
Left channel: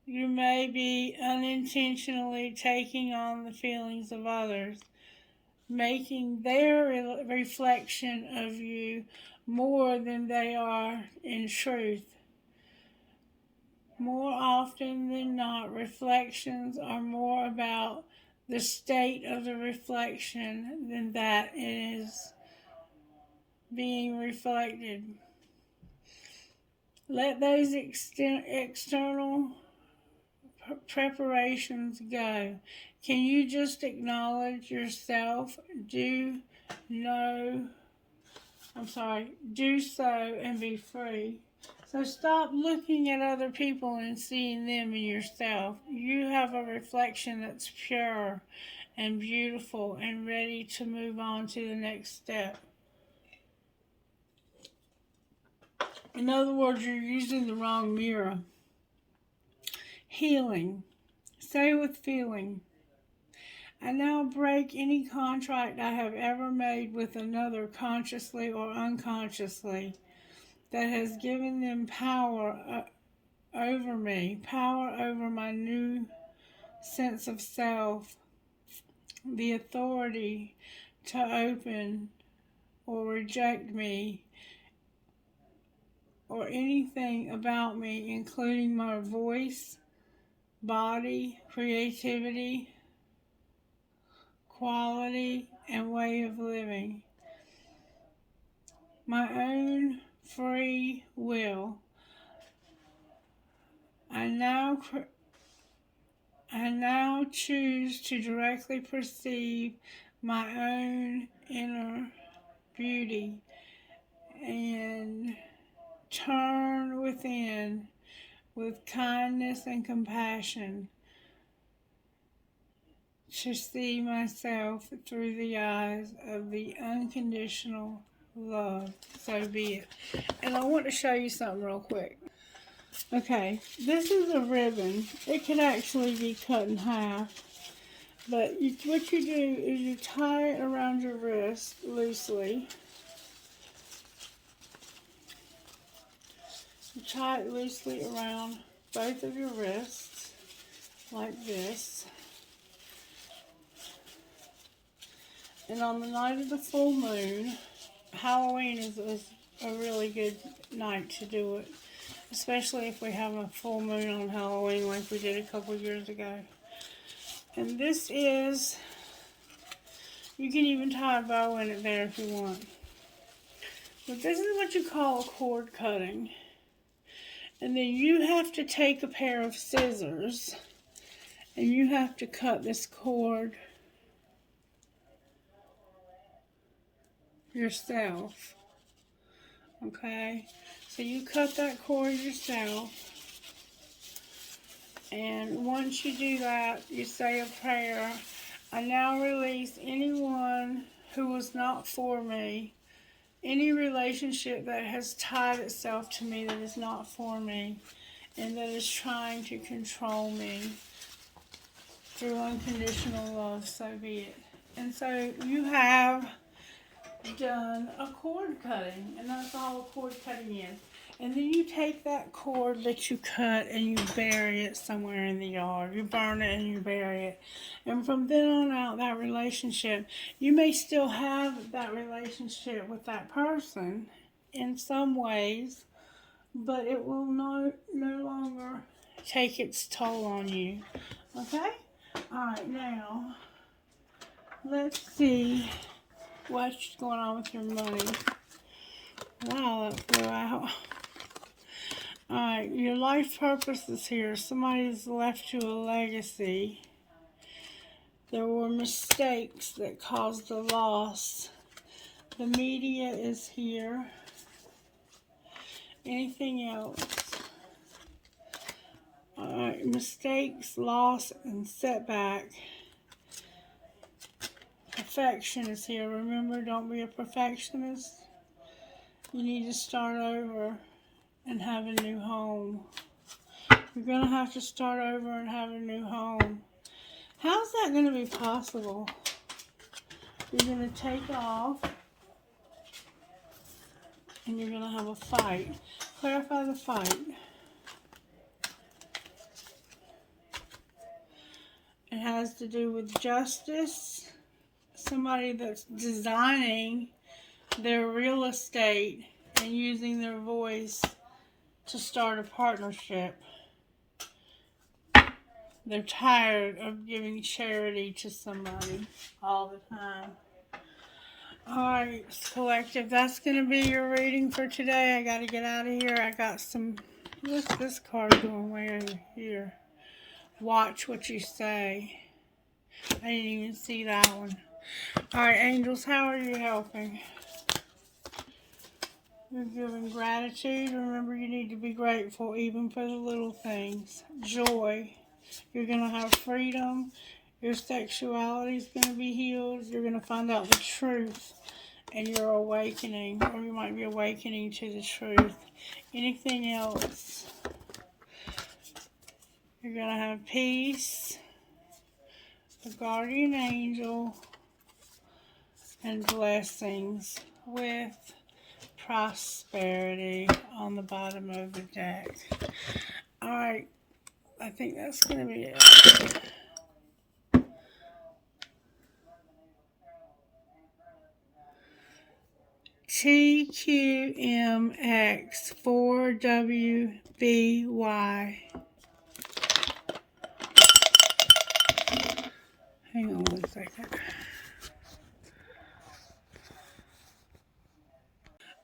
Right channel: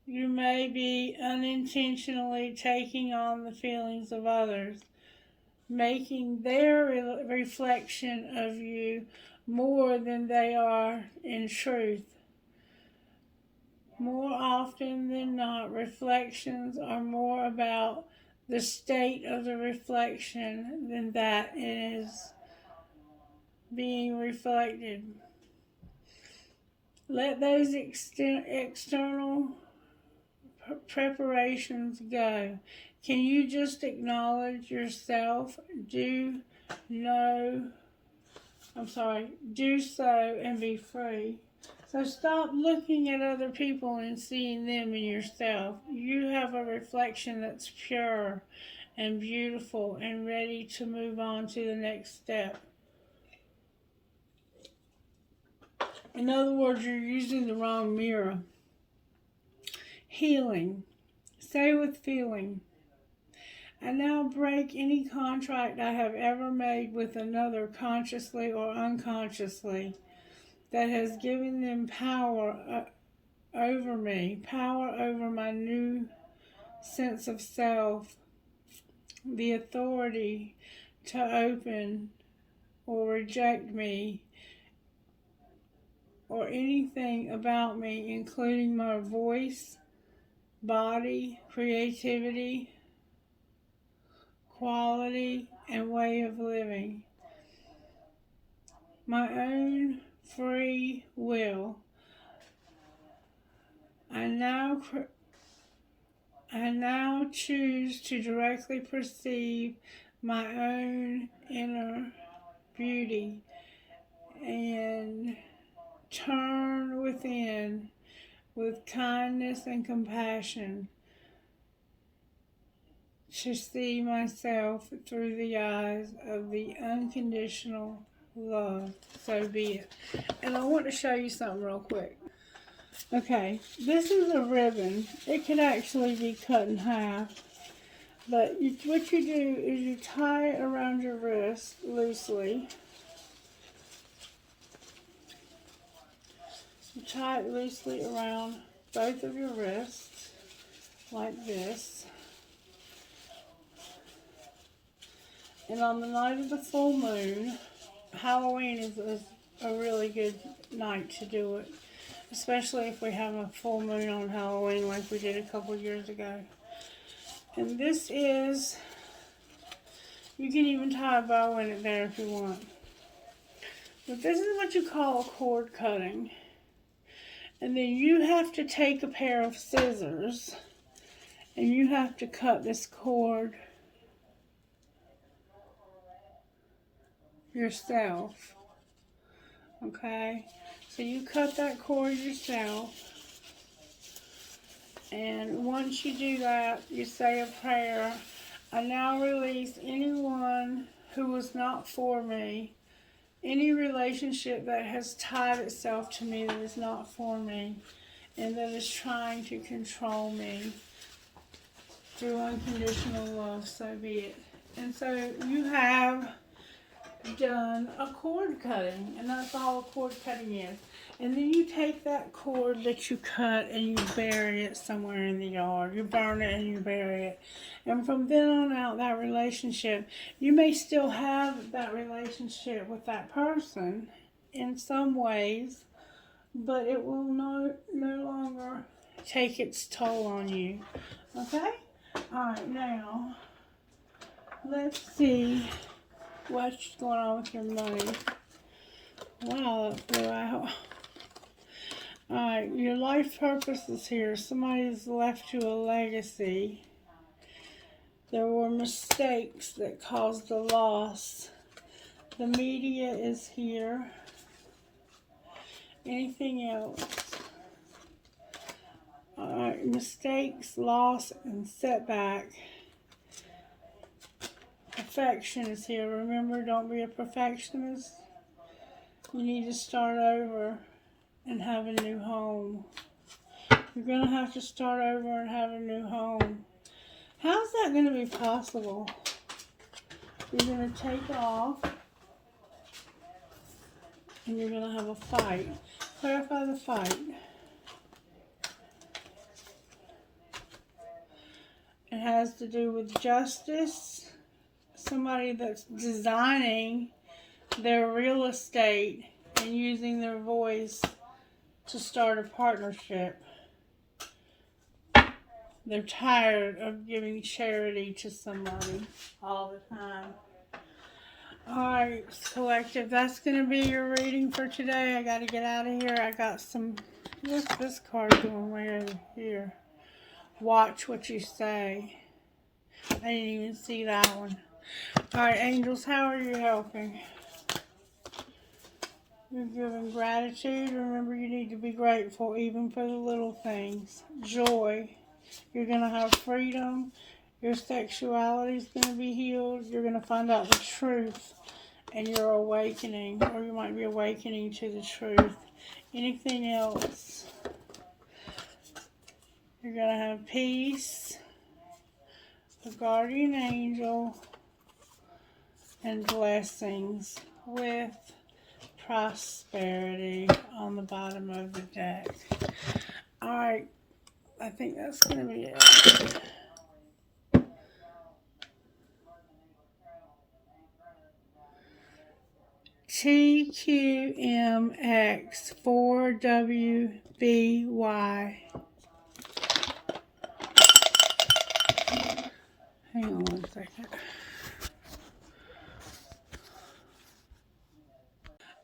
you may be unintentionally taking on the feelings of others, making their reflection of you more than they are in truth. More often than not, reflections are more about the state of the reflection than that it is being reflected. Let those external preparations go. Can you just acknowledge yourself? Do so and be free. So stop looking at other people and seeing them in yourself. You have a reflection that's pure and beautiful and ready to move on to the next step. In other words, you're using the wrong mirror. Healing. Say with feeling. I now break any contract I have ever made with another, consciously or unconsciously, that has given them power over me, power over my new sense of self, the authority to open or reject me or anything about me, including my voice, body, creativity, quality, and way of living. My own free will. I now choose to directly perceive my own inner beauty and turn within with kindness and compassion to see myself through the eyes of the unconditional love. So be it. And I want to show you something real quick. Okay, this is a ribbon. It can actually be cut in half. But what you do is you tie it around your wrist loosely. You tie it loosely around both of your wrists, like this. And on the night of the full moon, Halloween is a really good night to do it, especially if we have a full moon on Halloween like we did a couple years ago. And this is, you can even tie a bow in it there if you want. But this is what you call a cord cutting. And then you have to take a pair of scissors and you have to cut this cord yourself. Okay? So you cut that cord yourself. And once you do that, you say a prayer. I now release anyone who was not for me, any relationship that has tied itself to me that is not for me, and that is trying to control me through unconditional love, so be it. And so you have done a cord cutting, and that's all a cord cutting is. And then you take that cord that you cut and you bury it somewhere in the yard. You burn it and you bury it. And from then on out, that relationship, you may still have that relationship with that person in some ways, but it will no longer take its toll on you. Okay? Alright, now, let's see what's going on with your money. Wow, that flew out. Alright, your life purpose is here. Somebody's left you a legacy. There were mistakes that caused the loss. The media is here. Anything else? Alright, mistakes, loss, and setback. Perfection is here. Remember, don't be a perfectionist. You need to start over and have a new home. You're going to have to start over and have a new home. How's that going to be possible? You're going to take off and you're going to have a fight. Clarify the fight. It has to do with justice, somebody that's designing their real estate and using their voice to start a partnership. They're tired of giving charity to somebody all the time. Alright, collective, that's going to be your reading for today. I got to get out of here. I got some, what's this card going way over here? Watch what you say. I didn't even see that one. Alright, angels, how are you helping? You're giving gratitude. Remember, you need to be grateful even for the little things. Joy. You're going to have freedom. Your sexuality is going to be healed. You're going to find out the truth. And you're awakening. Or you might be awakening to the truth. Anything else? You're going to have peace. The guardian angel. And blessings with prosperity on the bottom of the deck. Alright, I think that's going to be it. TQMX4WBY. Hang on one second.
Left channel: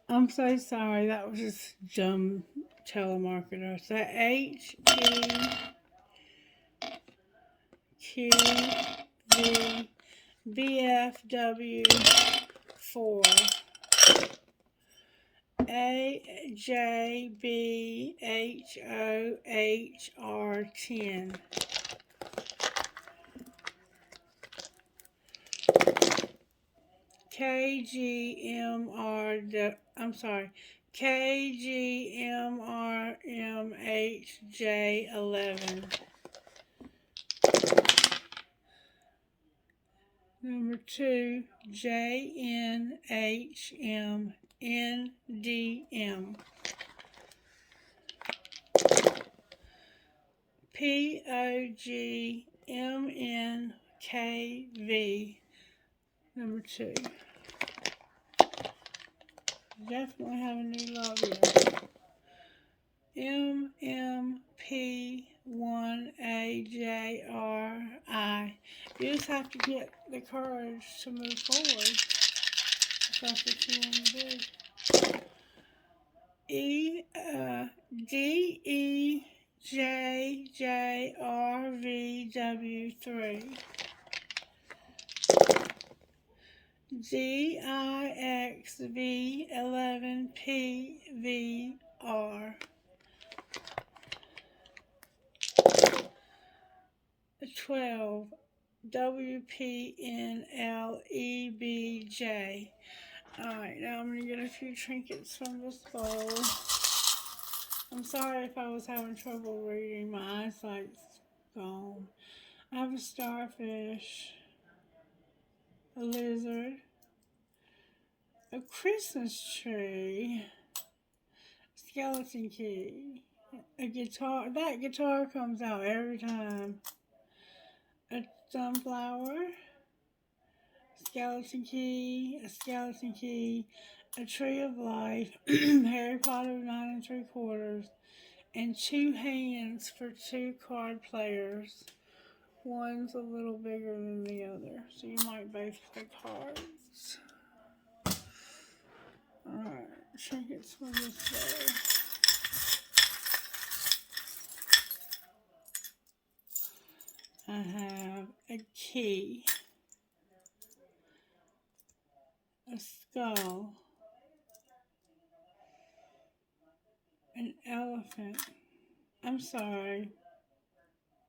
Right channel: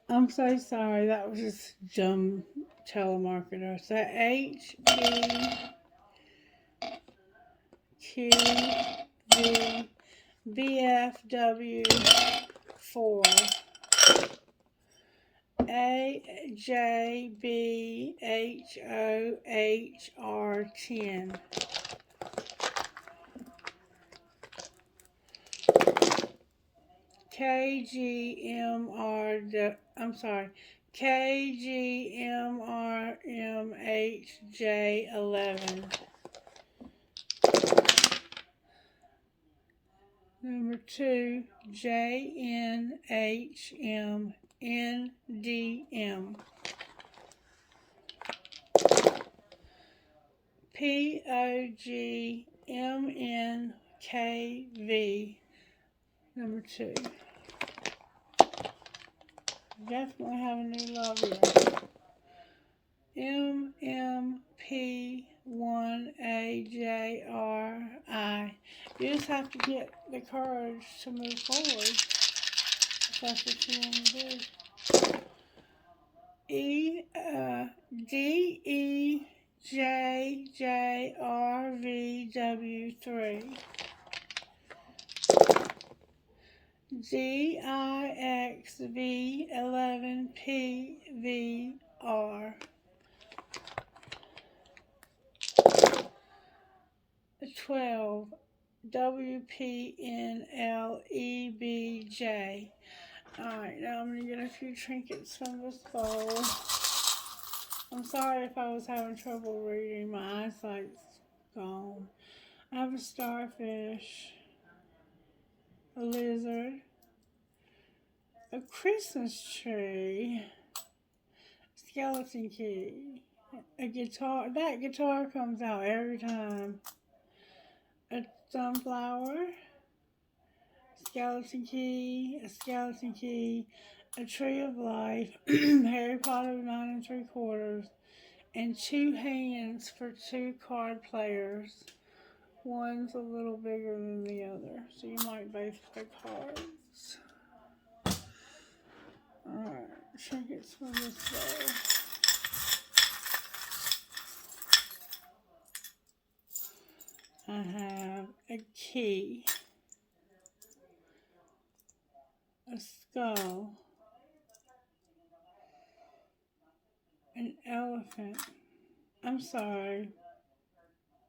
I'm so sorry, that was just dumb telemarketer. So HEQVBFW4 AJBHOHR10 KGMRMHJ11. Number 2, JNHMNDM. POGMNKV. Number 2. Definitely have a new love here. MMP1AJRI. You just have to get the courage to move forward. If that's what you want to do. DEJJRVW3. DIXV11PVR. 12. WPNLEBJ. Alright, now I'm going to get a few trinkets from this bowl. I'm sorry if I was having trouble reading. My eyesight's gone. I have a starfish, a lizard, a Christmas tree, skeleton key, a guitar. That guitar comes out every time. A sunflower, skeleton key, a tree of life, Harry Potter 9 3/4, and 2 hands for 2 card players. One's a little bigger than the other, so you might both play cards. Alright, trinkets from this way. I have a key, a skull, an elephant, I'm sorry,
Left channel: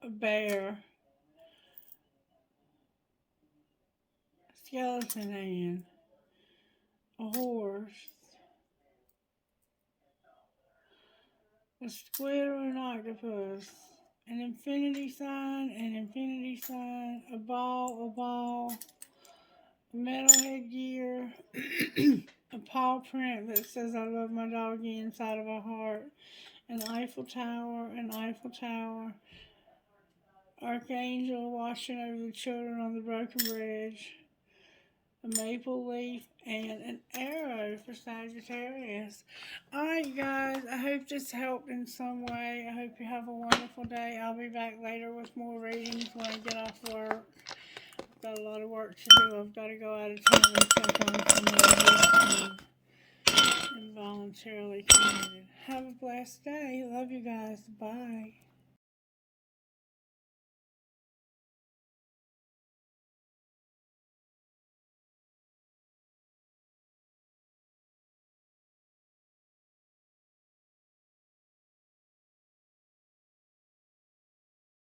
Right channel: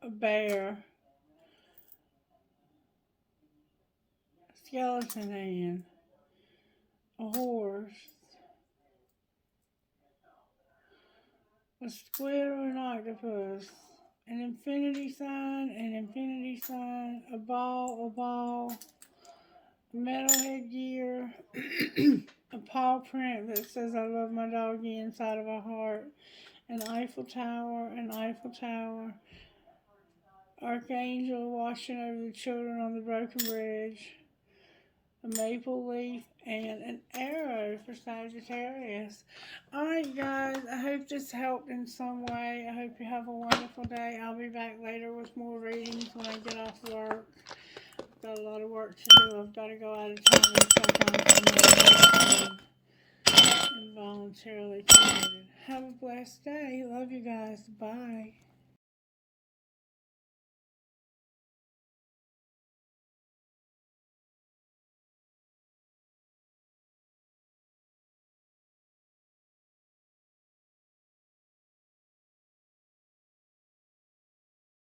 a bear, a skeleton hand, a horse, a squid or an octopus, an infinity sign, a ball, a metal headgear, a paw print that says I love inside of a heart. An Eiffel Tower, an Eiffel Tower. Archangel watching over the children on the broken bridge. A maple leaf, and an arrow for Sagittarius. Alright guys, I hope this helped in some way. I hope you have a wonderful day. I'll be back later with more readings when I get off work. I've got a lot of work to do. I've got to go out of town and check on some involuntarily committed. Have a blessed day. Love you guys. Bye.